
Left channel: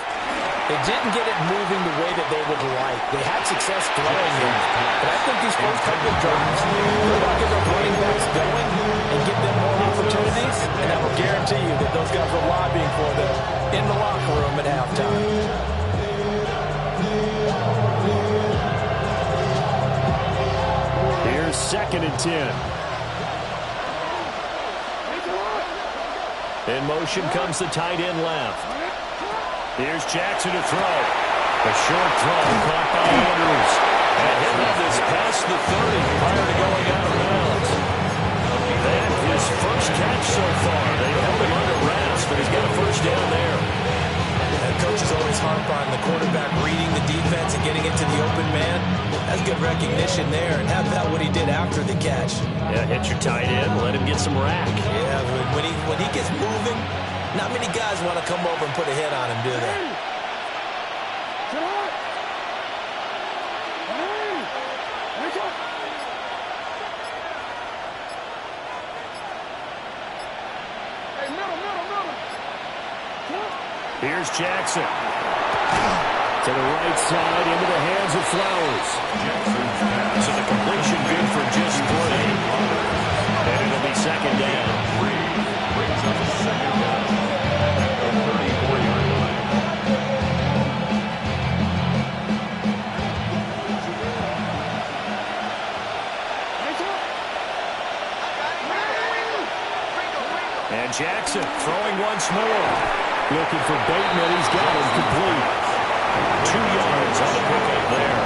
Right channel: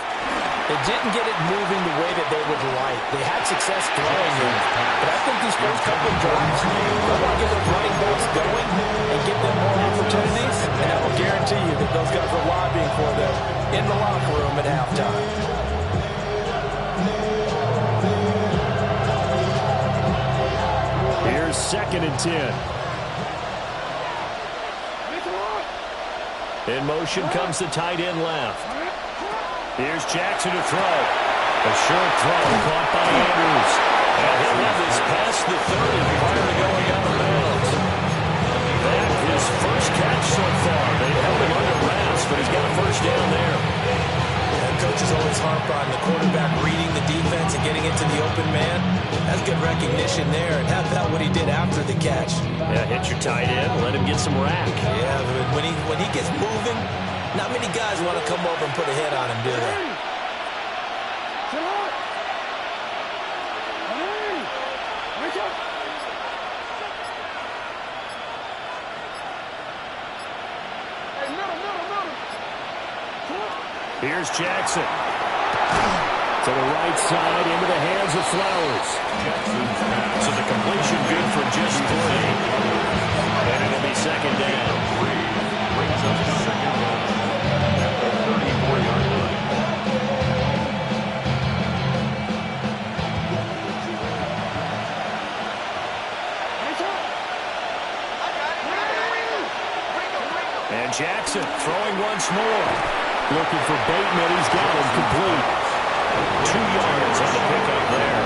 they didn't get it moving the way that they would like. They had success throwing it, but I think these first couple of drives, they want to get their running backs going and give them more opportunities, and I will guarantee you that those guys are lobbying for them in the locker room at halftime. Here's 2nd and 10. In motion comes the tight end left. Here's Jackson to throw. A short throw caught by Andrews. And he'll have this past the 30 prior to going out of bounds. That is first catch so far. They've held him under wraps, but he's got a first down there. And coaches always harp on the quarterback reading the defense and getting it to the open man. That's good recognition there. And how about what he did after the catch? Yeah, hit your tight end, let him get some rack. Yeah, but when he gets moving, not many guys want to come over and put a hit on him, do they? Here's Jackson. To the right side, into the hands of Flowers. Jackson's pass. So the completion good for just 3. And it'll be second down. Brings up Jackson throwing once more. Looking for Bateman. He's got him complete. 2 yards on the pickup there.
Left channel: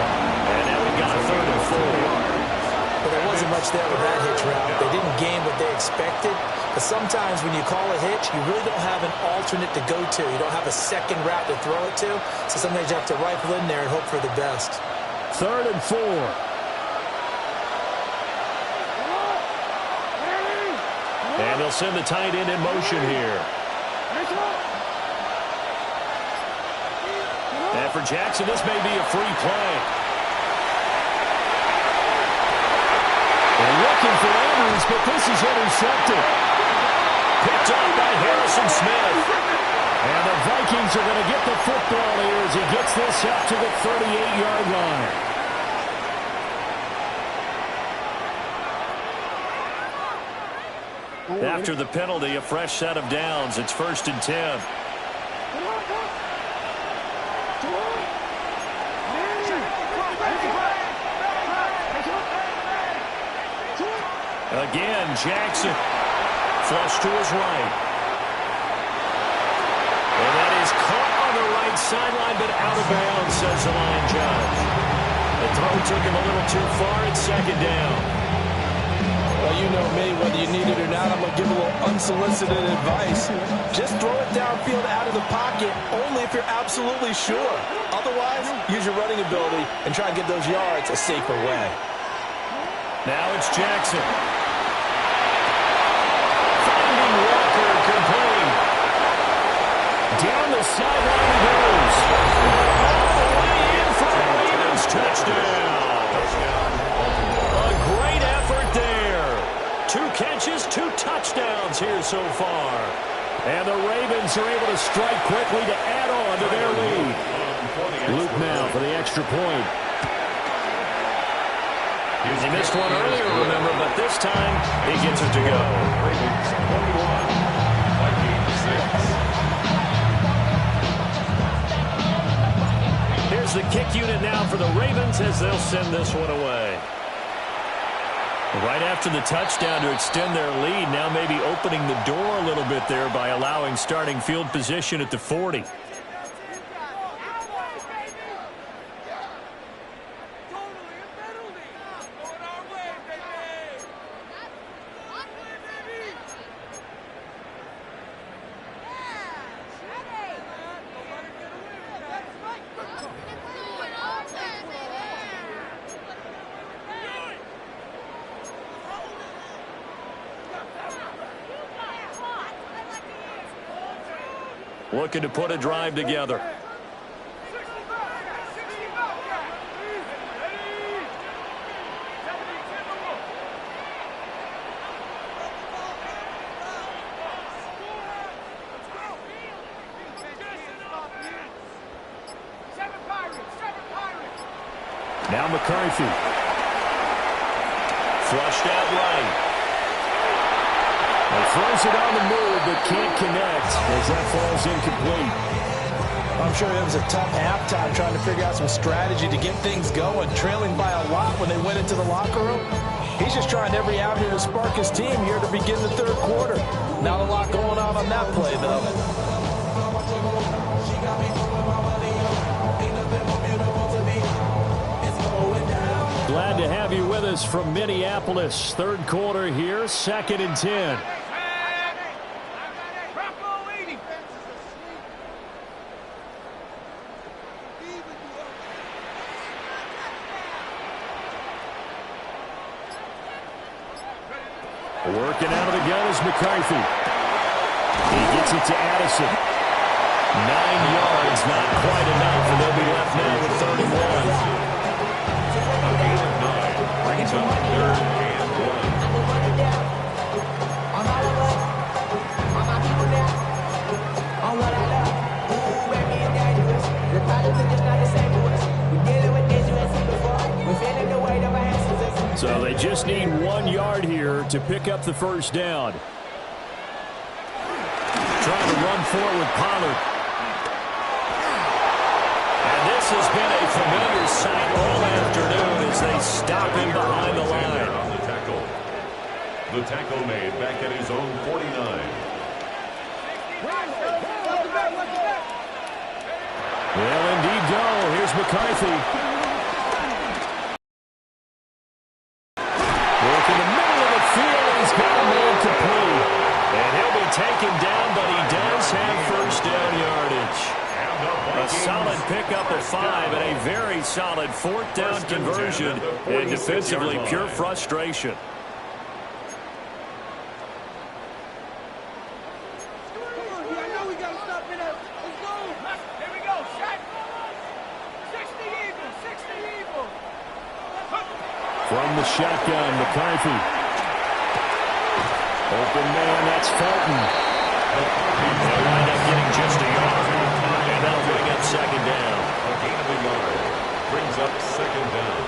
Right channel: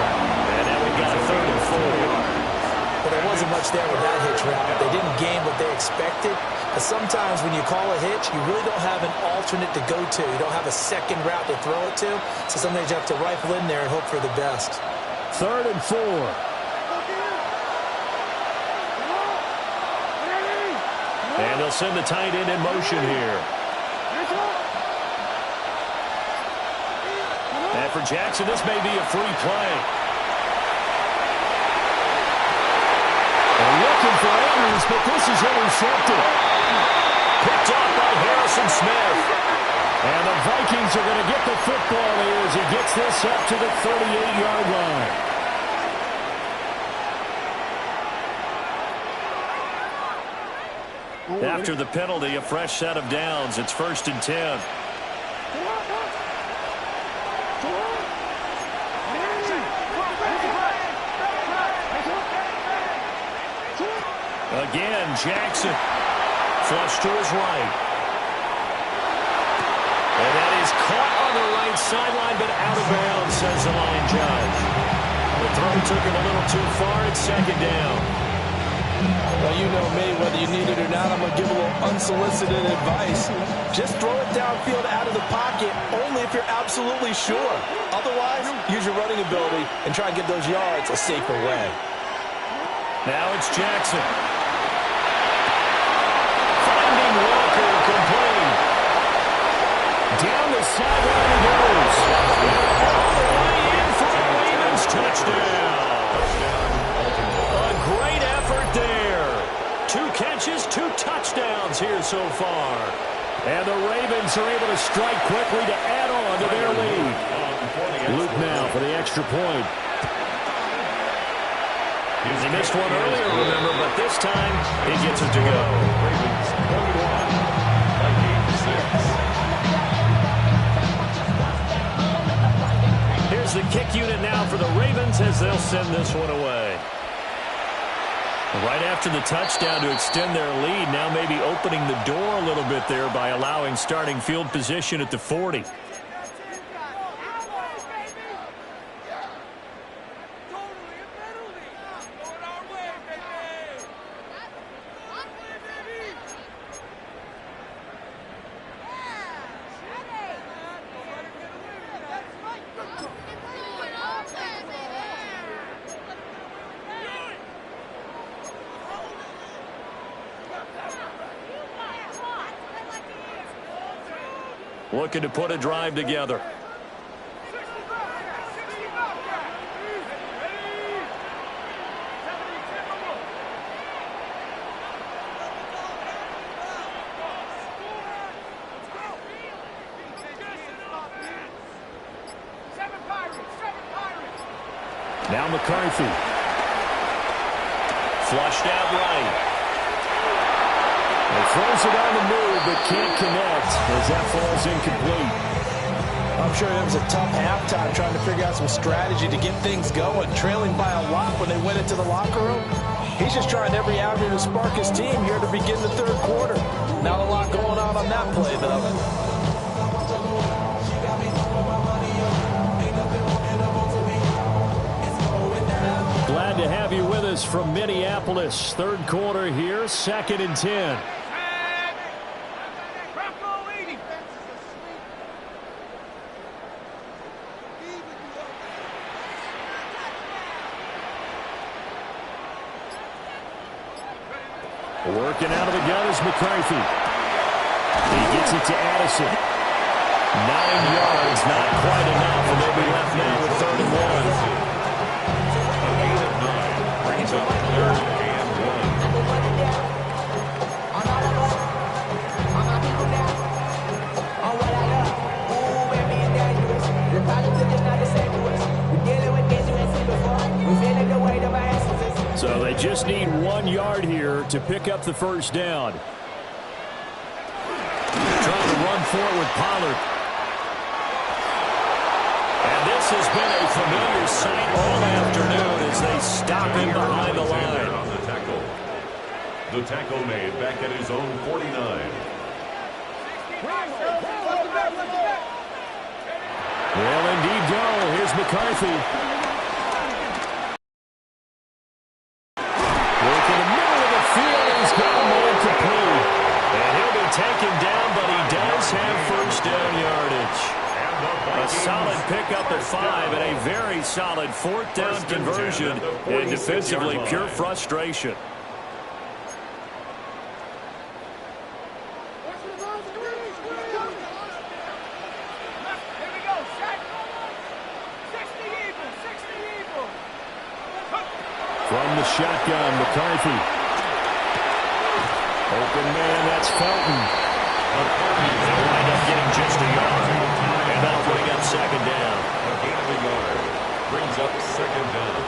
And now we've got a 3rd and 4. But there wasn't much there with that hitch route. They didn't gain what they expected. But sometimes when you call a hitch, you really don't have an alternate to go to. You don't have a second route to throw it to. So sometimes you have to rifle in there and hope for the best. 3rd and 4. And they'll send the tight end in motion here. And for Jackson, this may be a free play. They're looking for Andrews, but this is intercepted. Picked up by Harrison Smith. And the Vikings are going to get the football here as he gets this up to the 38-yard line. After the penalty, a fresh set of downs. It's 1st and 10. Again, Jackson. Flush to his right. And that is caught on the right sideline, but out of bounds, says the line judge. The throw took him a little too far. It's 2nd down. Well, you know me, whether you need it or not, I'm going to give a little unsolicited advice. Just throw it downfield out of the pocket, only if you're absolutely sure. Otherwise, use your running ability and try and get those yards a safer way. Now it's Jackson. Finding Walker complete. Down the sideline he goes. All the way in for a Ravens touchdown. A great effort there. 2 catches, 2 touchdowns here so far. And the Ravens are able to strike quickly to add on to their lead. Luke now for the extra point. He missed one earlier, remember, but this time he gets it to go. Ravens 21, Vikings 6. Here's the kick unit now for the Ravens as they'll send this one away. Right after the touchdown to extend their lead, now maybe opening the door a little bit there by allowing starting field position at the 40. Looking to put a drive together. Now McCarthy. Flushed out right. And throws it on the move, but can't connect as that falls incomplete. I'm sure it was a tough halftime trying to figure out some strategy to get things going, trailing by a lot when they went into the locker room. He's just trying every avenue to spark his team here to begin the 3rd quarter. Not a lot going on that play, though. Glad to have you with us from Minneapolis. 3rd quarter here, 2nd and 10. Working out of the gun is McCarthy. He gets it to Addison. 9 yards, not quite enough, and they'll be left now with 3rd and 1. A gain of 9 brings up 3rd and 1. So they just need 1 yard here to pick up the 1st down. Trying to run forward with Pollard. And this has been a familiar sight all afternoon as they stop him behind the line. On the tackle. The tackle made back at his own 49. Well, indeed go. Here's McCarthy. Work in the middle of the field. He's got a man complete. And he'll be taken down, but he does have first down yardage. A solid pickup of 5 and a very solid fourth down conversion. And defensively, pure frustration. From the shotgun, McCarthy. Open man, that's Felton. They'll wind up getting just a yard. And that'll bring up second down. A gain of a yard brings up second down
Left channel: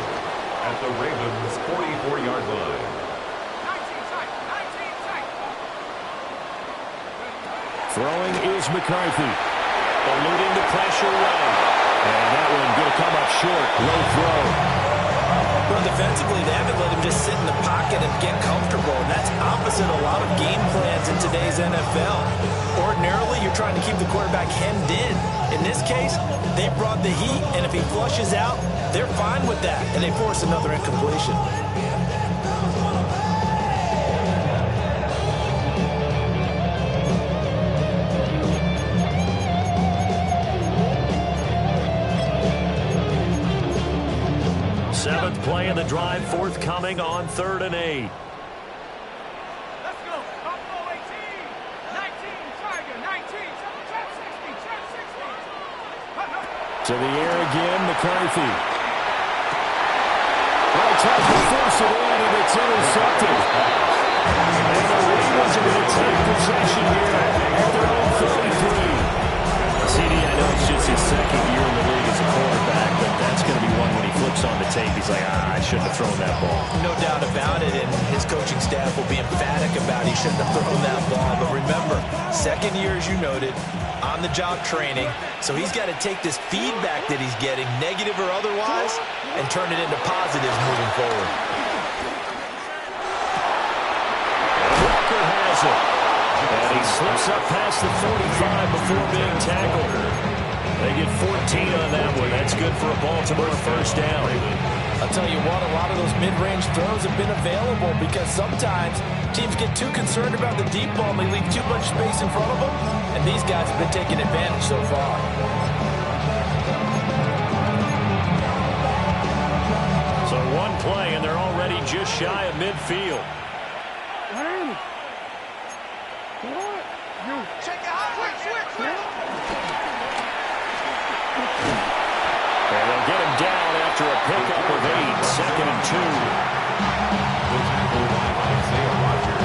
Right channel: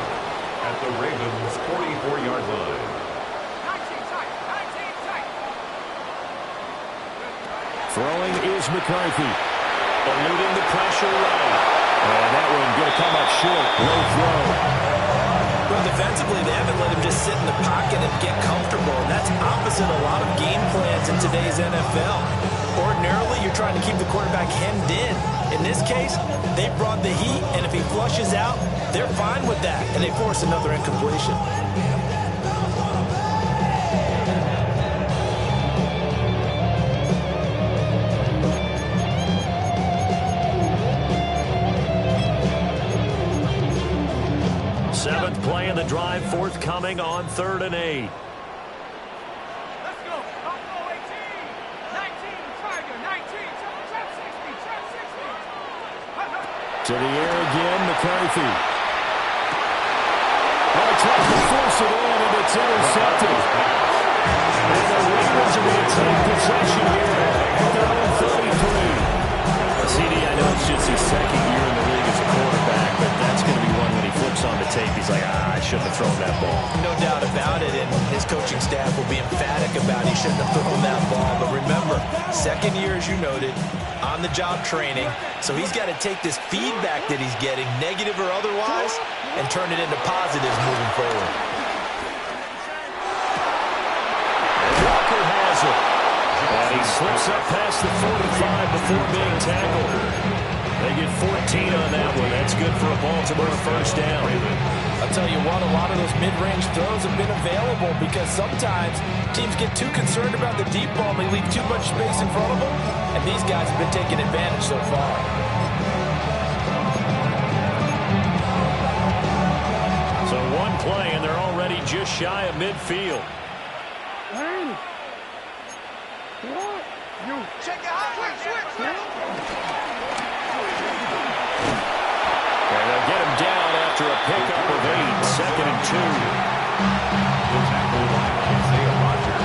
at the Ravens' 44-yard line. 19 tight. Throwing is McCarthy. Eluding the pressure right. And that one going to come up short. Low throw. Well, defensively, they haven't let him just sit in the pocket and get comfortable, and that's opposite a lot of game plans in today's NFL. Ordinarily, you're trying to keep the quarterback hemmed in. In this case, they brought the heat, and if he flushes out, they're fine with that, and they force another incompletion. Seventh play of the drive, forthcoming on 3rd and 8. Let's go. Buffalo 18. 19. Tiger. 19. Trap 60. Trap 60. To the air again, McCarthy. Well, tries to force it in, and it's intercepted. And the Ravens are going to take possession here at their own 33. CD, I know it's just his second year in the league as a quarterback, but that's going to be one when he flips on the tape, he's like, I shouldn't have thrown that ball. No doubt about it, and his coaching staff will be emphatic about he shouldn't have thrown that ball. But remember, second year, as you noted, on-the-job training, so he's got to take this feedback that he's getting, negative or otherwise, and turn it into positives moving forward. Walker has it. And he slips up past the 45 before being tackled. They get 14 on that one. That's good for a Baltimore first down. I'll tell you what, a lot of those mid-range throws have been available because sometimes teams get too concerned about the deep ball and they leave too much space in front of them, and these guys have been taking advantage so far. So one play, and they're already just shy of midfield. Check it out. Switch. And they'll get him down after a pickup of 8, 2nd and 2. The tackle by Isaiah Rodgers.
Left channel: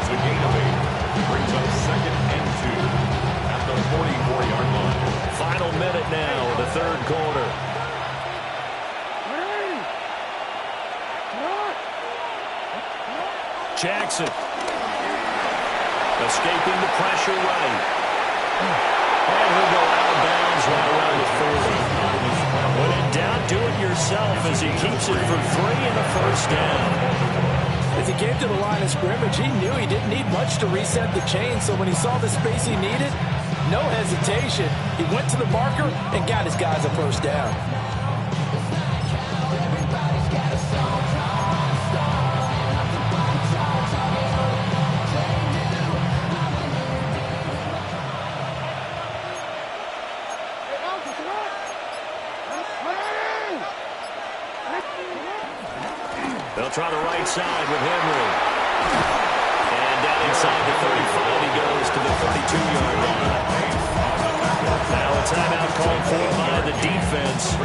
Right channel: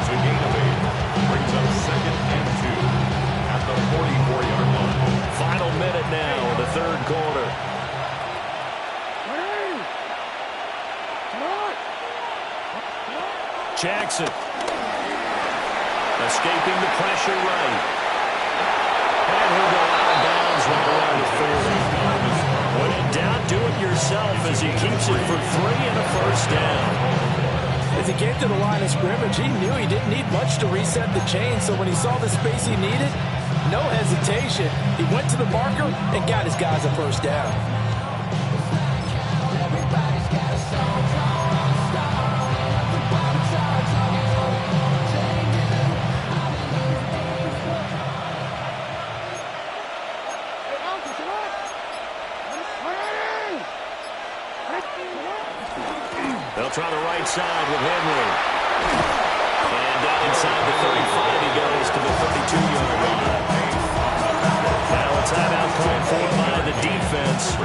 It's a gain of 8. Brings up 2nd and 2 at the 44-yard line. Final minute now of the 3rd quarter. Jackson. Escaping the pressure right. And he'll go out of bounds right around the 40. When in doubt, do it yourself as he keeps it for 3 and a first down. As he came to the line of scrimmage, he knew he didn't need much to reset the chain, so when he saw the space he needed, no hesitation. He went to the marker and got his guys a first down. They'll try the right side with Henry. And down inside the 35, he goes to the 32-yard line. Now a timeout called for by the defense.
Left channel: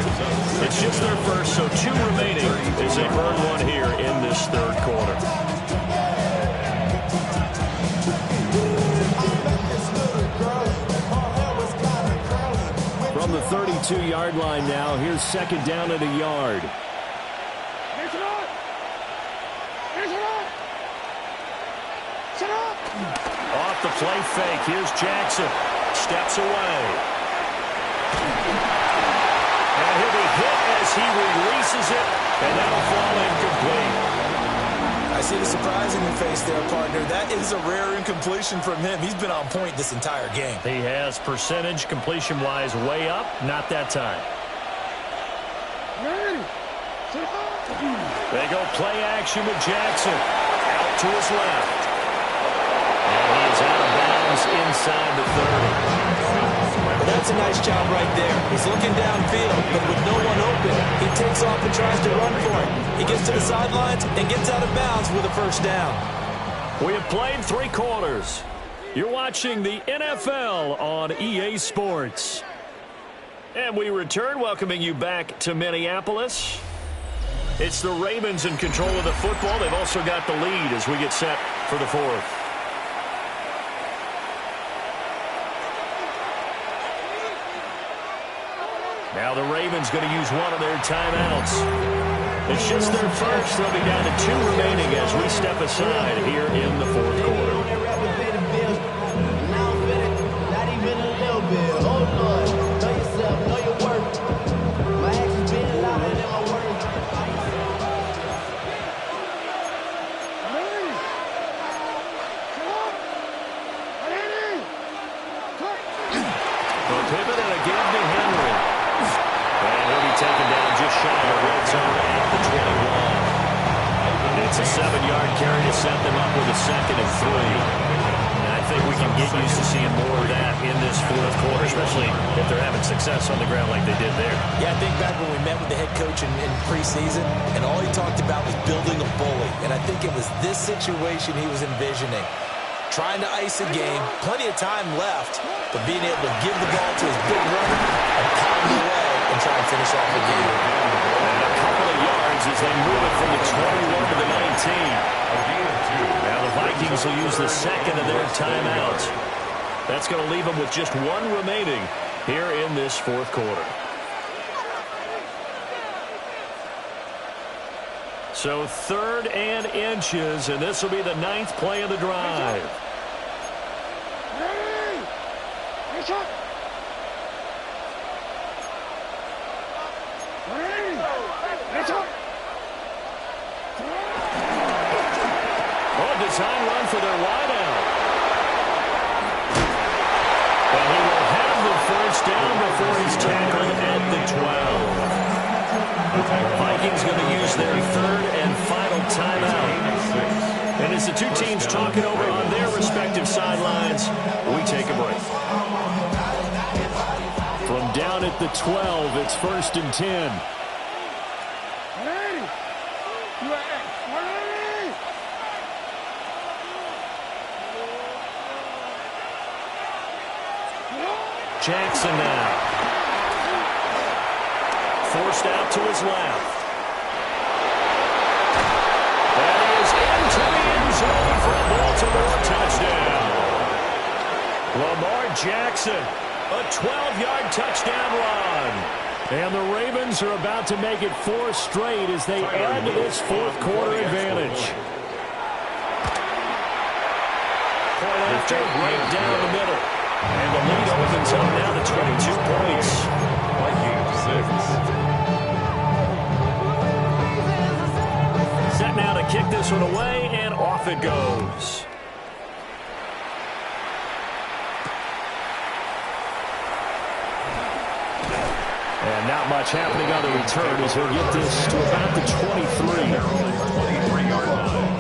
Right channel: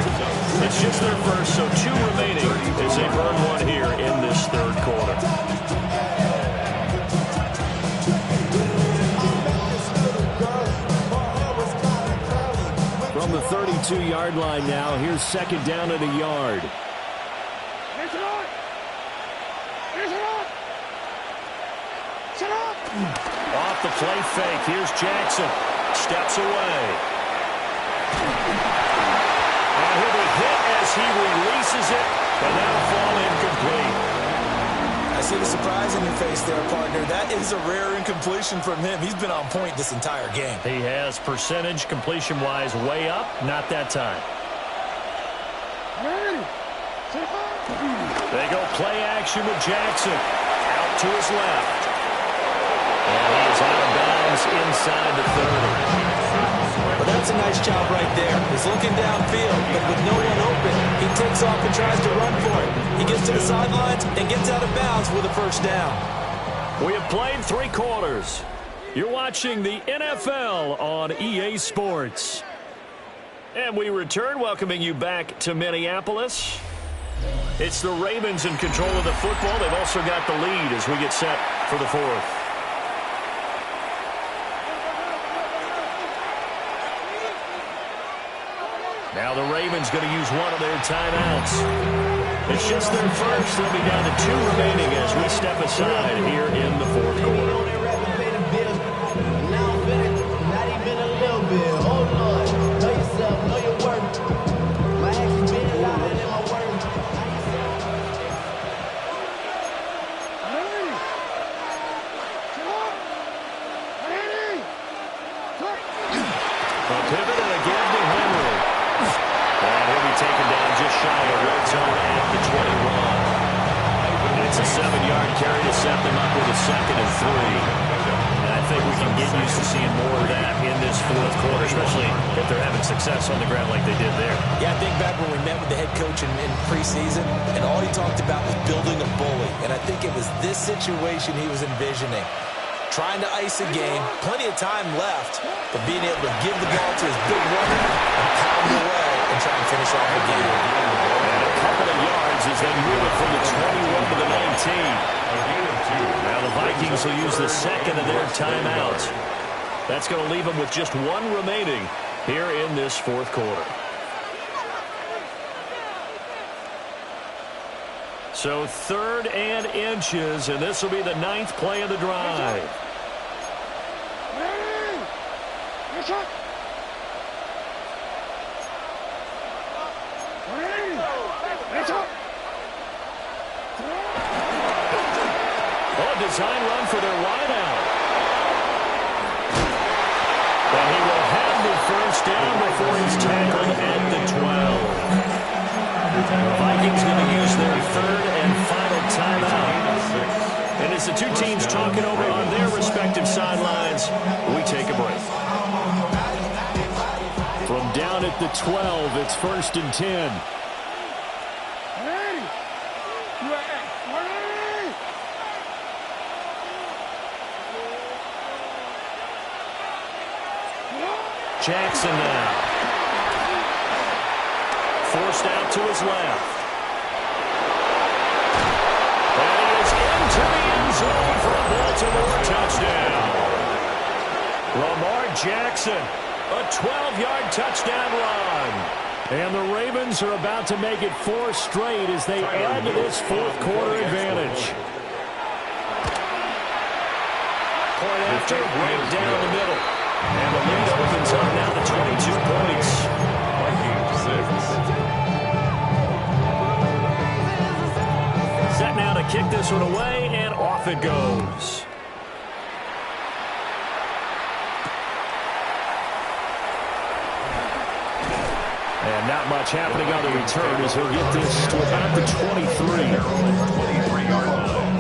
It's just their first, so 2 remaining as they burn one here in this 3rd quarter. From the 32-yard line now, here's 2nd down and a yard. Off the play fake, here's Jackson. Steps away. And he'll be hit as he releases it, and that'll fall incomplete. I see the surprise in your face there, partner. That is a rare incompletion from him. He's been on point this entire game. He has percentage completion-wise way up. Not that time. They go play action with Jackson. Out to his left. And he is out of bounds inside the 30. Well, that's a nice job right there. He's looking downfield, but with no one open, he takes off and tries to run for it. He gets to the sidelines and gets out of bounds with a first down. We have played 3 quarters. You're watching the NFL on EA Sports. And we return, welcoming you back to Minneapolis. It's the Ravens in control of the football. They've also got the lead as we get set for the 4th. Now the Ravens going to use one of their timeouts. It's just their first. They'll be down to 2 remaining as we step aside here in the 4th quarter. Not even a little bit. Oh, Lord. Know yourself. Know your worth. My actions being louder than my words. A pivot and a give to Henry. And he'll be taken down just shy of red zone at the 21. It's a 7-yard carry to set them up with a 2nd and 3. And I think we can get used to seeing more of that in this 4th quarter, especially if they're having success on the ground like they did there. Yeah, I think back when we met with the head coach in preseason, and all he talked about was building a bully. And I think it was this situation he was envisioning. Trying to ice a game, plenty of time left, but being able to give the ball to his big runner and pound away and try and finish off the game. And a couple of yards as they move it from the 21 to the 19. Now the Vikings will use the 2nd of their timeouts. That's going to leave them with just 1 remaining here in this 4th quarter. So 3rd and inches, and this will be the 9th play of the drive. Oh, design run for their wideout. And he will have the first down before he's tackled at the 12. The Vikings going to use their 3rd and final timeout. And as the 2 teams talking over on their respective sidelines, we take a break. From down at the 12, it's 1st and 10. Jackson now. Forced out to his left. And he is into the end zone for a Baltimore touchdown. Lamar Jackson, a 12-yard touchdown run. And the Ravens are about to make it 4 straight as they add to this 4th quarter advantage. Point after, right down the middle. And the lead opens up now to 22 points. Vikings 6. Set now to kick this one away, and off it goes. And not much happening on the return as he'll get this to about the 23. 23-yard line.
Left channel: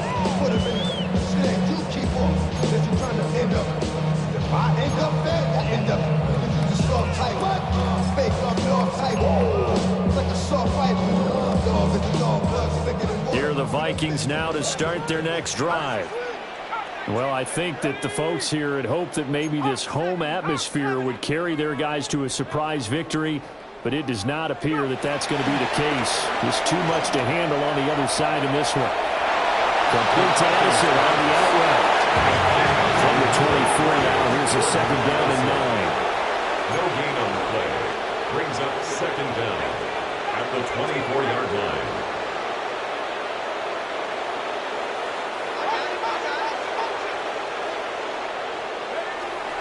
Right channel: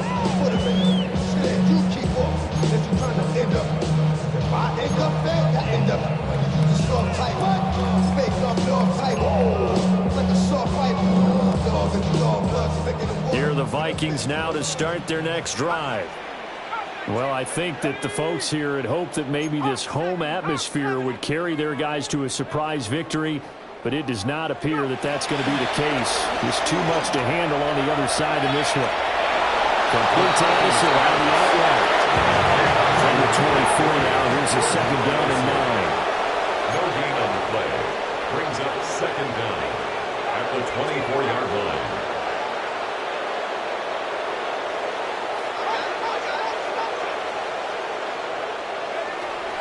You keep up. If you're trying to end up, if I end up there, I end up. You just soft type. What? Fake up, dog type. It's like a soft fight. Dog is the dog, blood thicker than water. Here are the Vikings now to start their next drive. Well, I think that the folks here had hoped that maybe this home atmosphere would carry their guys to a surprise victory, but it does not appear that that's going to be the case. There's too much to handle on the other side in this one. Complete to Addison on the out route. From the 24 now, here's a 2nd down and 9. No gain on the play. Brings up 2nd down at the 24-yard line.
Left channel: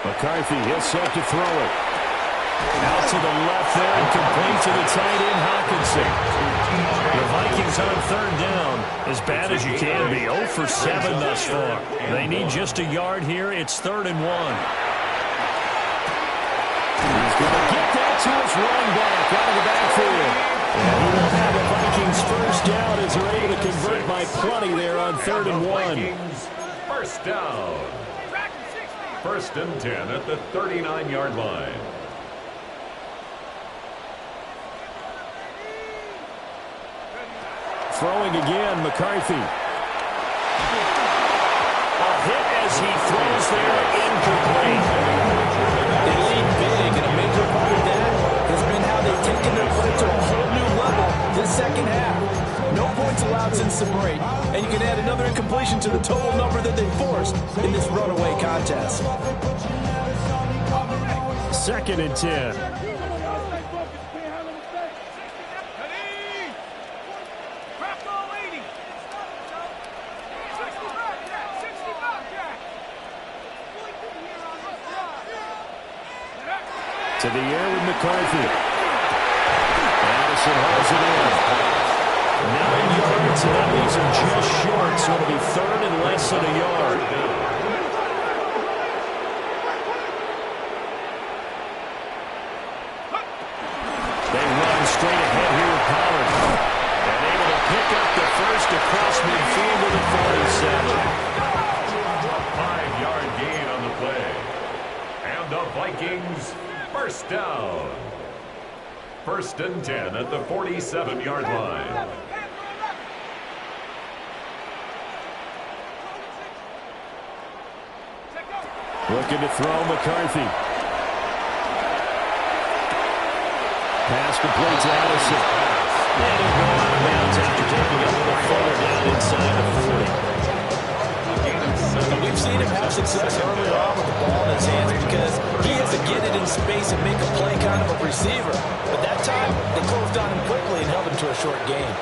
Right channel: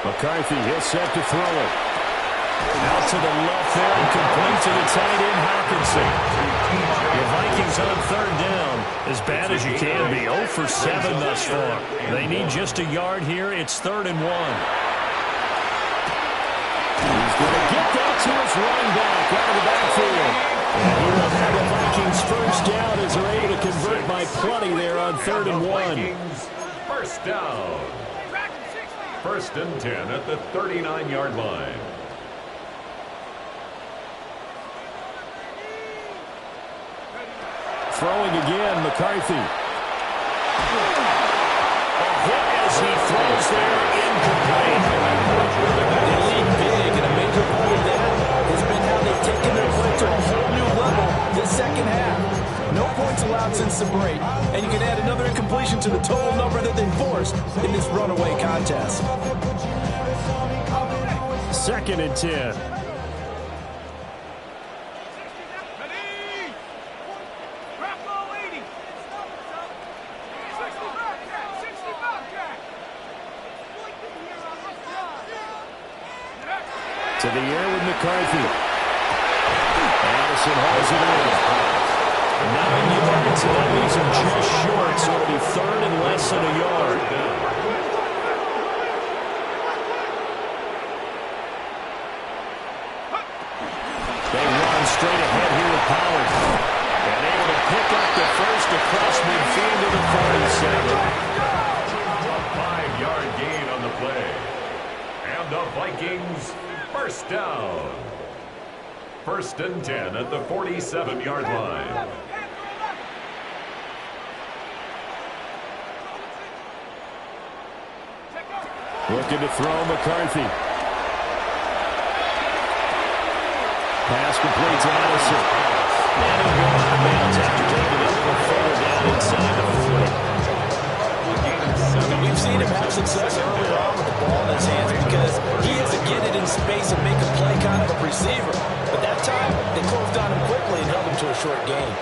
McCarthy, he'll set to throw it. Out to the left there and complete to the tight end, Hawkinson. The Vikings on third down, as bad as you can be, 0 for 7 thus far. They need just a yard here. It's 3rd and 1. He's going to get that to his running back out of the backfield. And he will have the Vikings first down as they're able to convert by plenty there on 3rd and 1. First down. 1st and 10 at the 39-yard line. Throwing again, McCarthy. A hit as he throws there, incomplete. They lead big, and a major part of that has been how they've taken their play to a whole new level this second half. No points allowed since the break, and you can add another incompletion to the total number that they forced in this runaway contest. 2nd and 10. To the air with McCarthy. Addison hauls it in. 9 yards, and that leaves him just short, so it'll be 3rd and less than a yard. They run straight ahead here with Pollard. And able to pick up the first across midfield to the 47. A 5-yard gain on the play. And the Vikings first down. 1st and 10 at the 47-yard line. Looking to throw McCarthy. Pass complete to Addison. And he'll go out of bounds after taking it a little further down inside the 40. And we've seen him have success earlier on with the ball in his hands because he has to get it in space and make a play kind of a receiver. But that time, they closed on him quickly and held him to a short gain.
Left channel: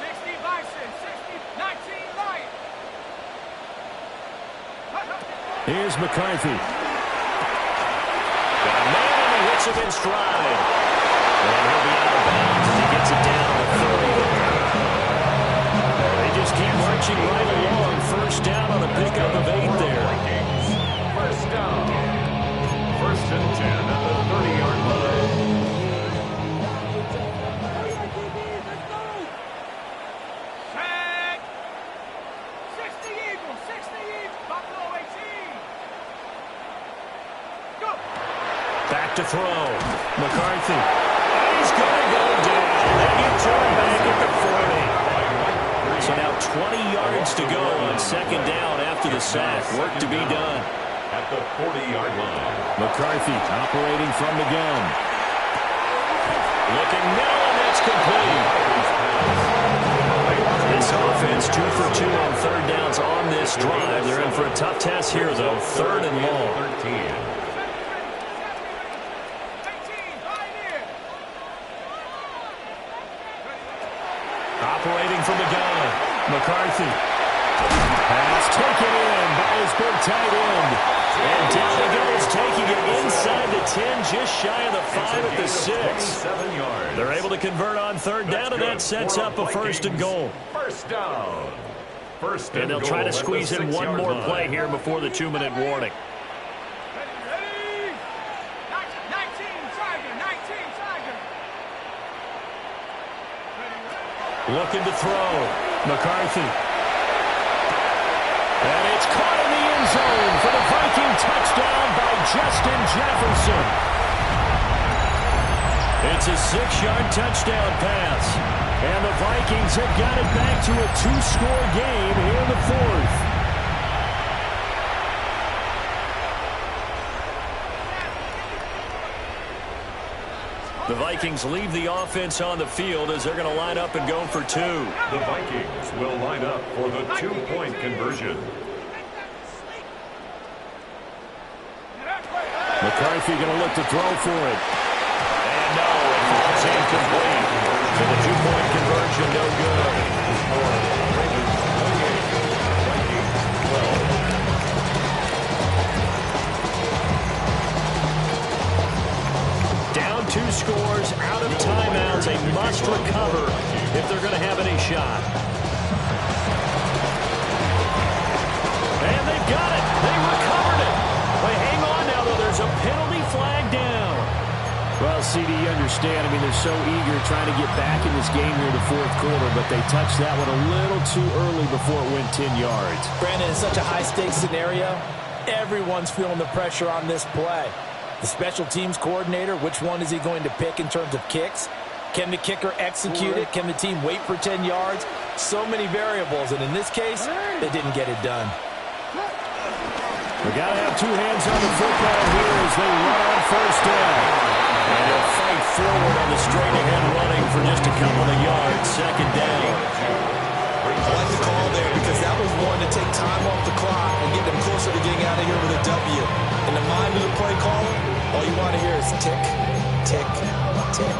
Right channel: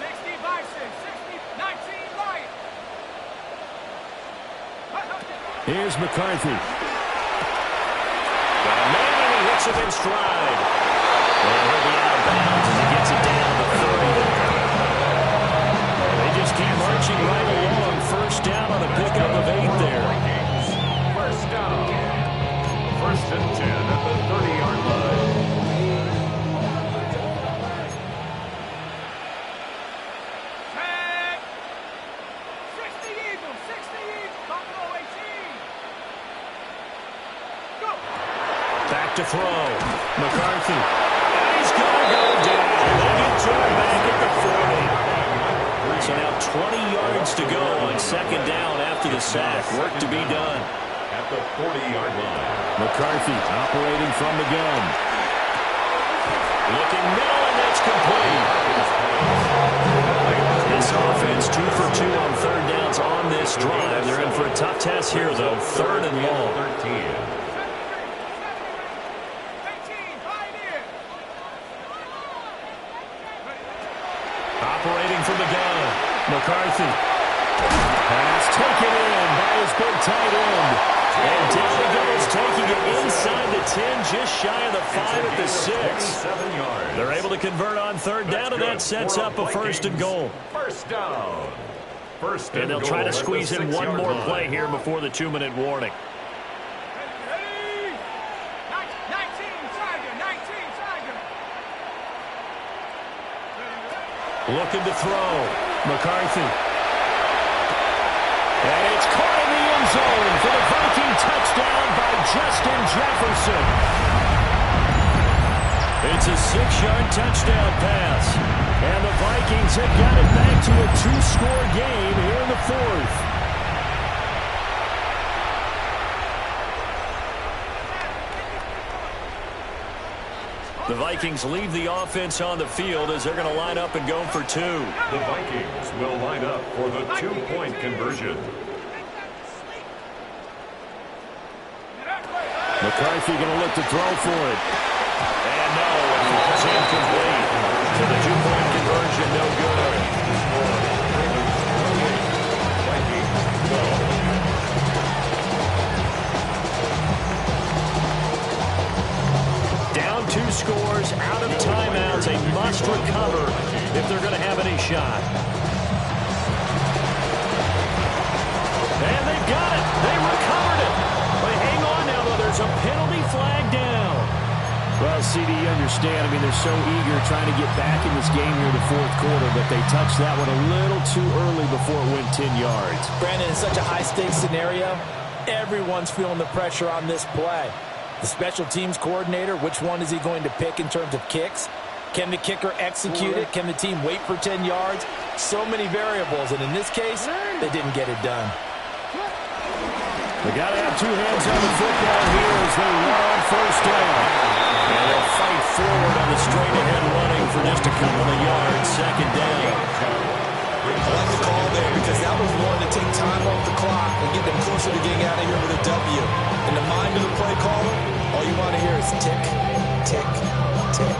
60 Bison, 60, 19 Lion. Here's McCarthy. Got a man, and he hits him in stride. And he'll be out of bounds as he gets it down to the 30 there. They just keep marching right along. First down on a pickup of 8 there. First down. 1st and 10 at the 30-yard line. Tag. 60 Eagles, 60 Eagles. Buffalo 18. Go. Back to throw. McCarthy. And he's going to go down. They get to him back at the 40. So now 20 yards to go on 2nd down after the sack. Work to be done. At the 40-yard line. McCarthy operating from the gun. Looking middle, and that's complete. This offense 2 for 2 on 3rd downs on this drive. They're in for a tough test here, though. 3rd and long. 13. Operating from the gun. McCarthy. Pass taken in by his big tight end. And down he goes, taking it inside the 10, just shy of the 5 at the 6. They're able to convert on 3rd down, and that sets up a 1st and goal. First down. And they'll try to squeeze in one more play here before the 2-minute warning. Ready? 19 Tiger, 19 Tiger. Looking to throw. McCarthy. And it's caught in the end zone for the Viking touchdown by Justin Jefferson. It's a 6-yard touchdown pass. And the Vikings have got it back to a 2-score game here in the 4th. The Vikings leave the offense on the field as they're going to line up and go for 2. The Vikings will line up for the 2-point conversion. McCarthy going to look to throw for it. And no, it falls incomplete. So the 2-point conversion, no good. scores, out of timeouts, a must recover if they're going to have any shot. And they've got it. They recovered it. But hang on now, though. There's a penalty flag down. Well, CD, you understand. I mean, they're so eager trying to get back in this game here in the fourth quarter, but they touched that one a little too early before it went 10 yards. Brandon, in such a high-stakes scenario, everyone's feeling the pressure on this play. The special teams coordinator, which one is he going to pick in terms of kicks? Can the kicker execute it? Can the team wait for 10 yards? So many variables, and in this case, they didn't get it done. We got to have two hands on the football here as they run on first down. And he'll fight forward on the straight-ahead running for just a couple of yards. Second down. I like the call there because that was one to take time off the clock and get them closer to getting out of here with a W. In the mind of the play caller, all you want to hear is tick, tick, tick.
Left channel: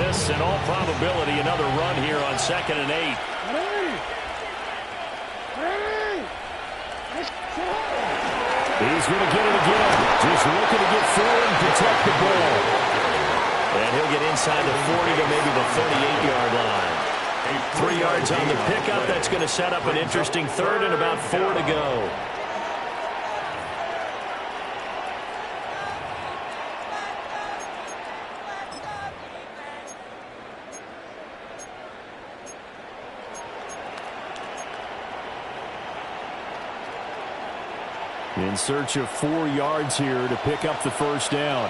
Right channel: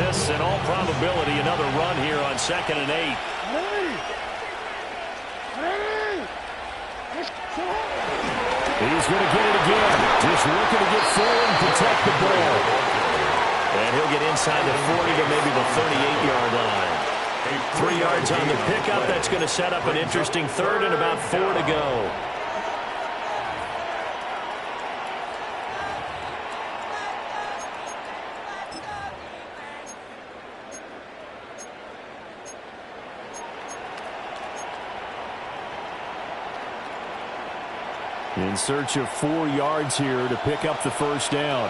This, in all probability, another run here on 2nd and 8. He's going to get it again. Just looking to get forward and protect the ball. And he'll get inside the 40 to maybe the 38-yard line. 3 yards on the pickup. That's going to set up an interesting third and about 4 to go. In search of 4 yards here to pick up the first down.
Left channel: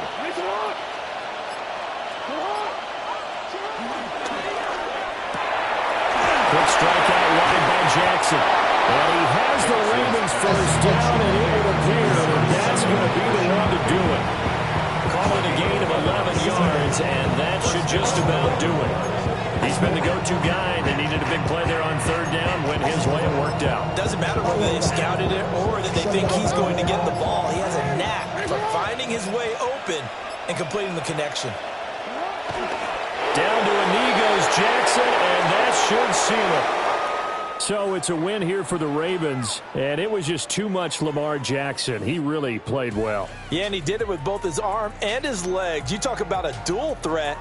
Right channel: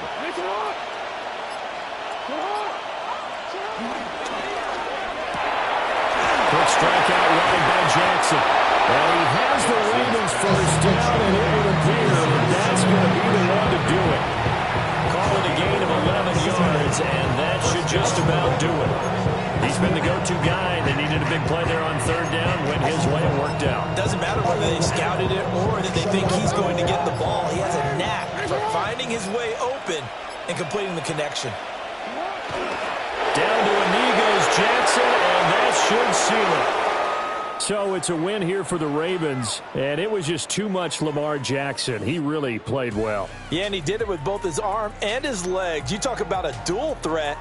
Quick strike out wide by Jackson. And he has the Ravens first down, and it would appear that that's going to be the one to do it. Call it a gain of 11 yards, and that should just about do it. He's been the go-to guy. They needed a big play there on third down. Went his way and worked out. Doesn't matter whether they scouted it or that they think he's going to get the ball. He has a knack for finding his way open and completing the connection. Down to a knee goes Jackson, and that should seal it. So it's a win here for the Ravens, and it was just too much Lamar Jackson. He really played well. Yeah, and he did it with both his arm and his legs. You talk about a dual threat.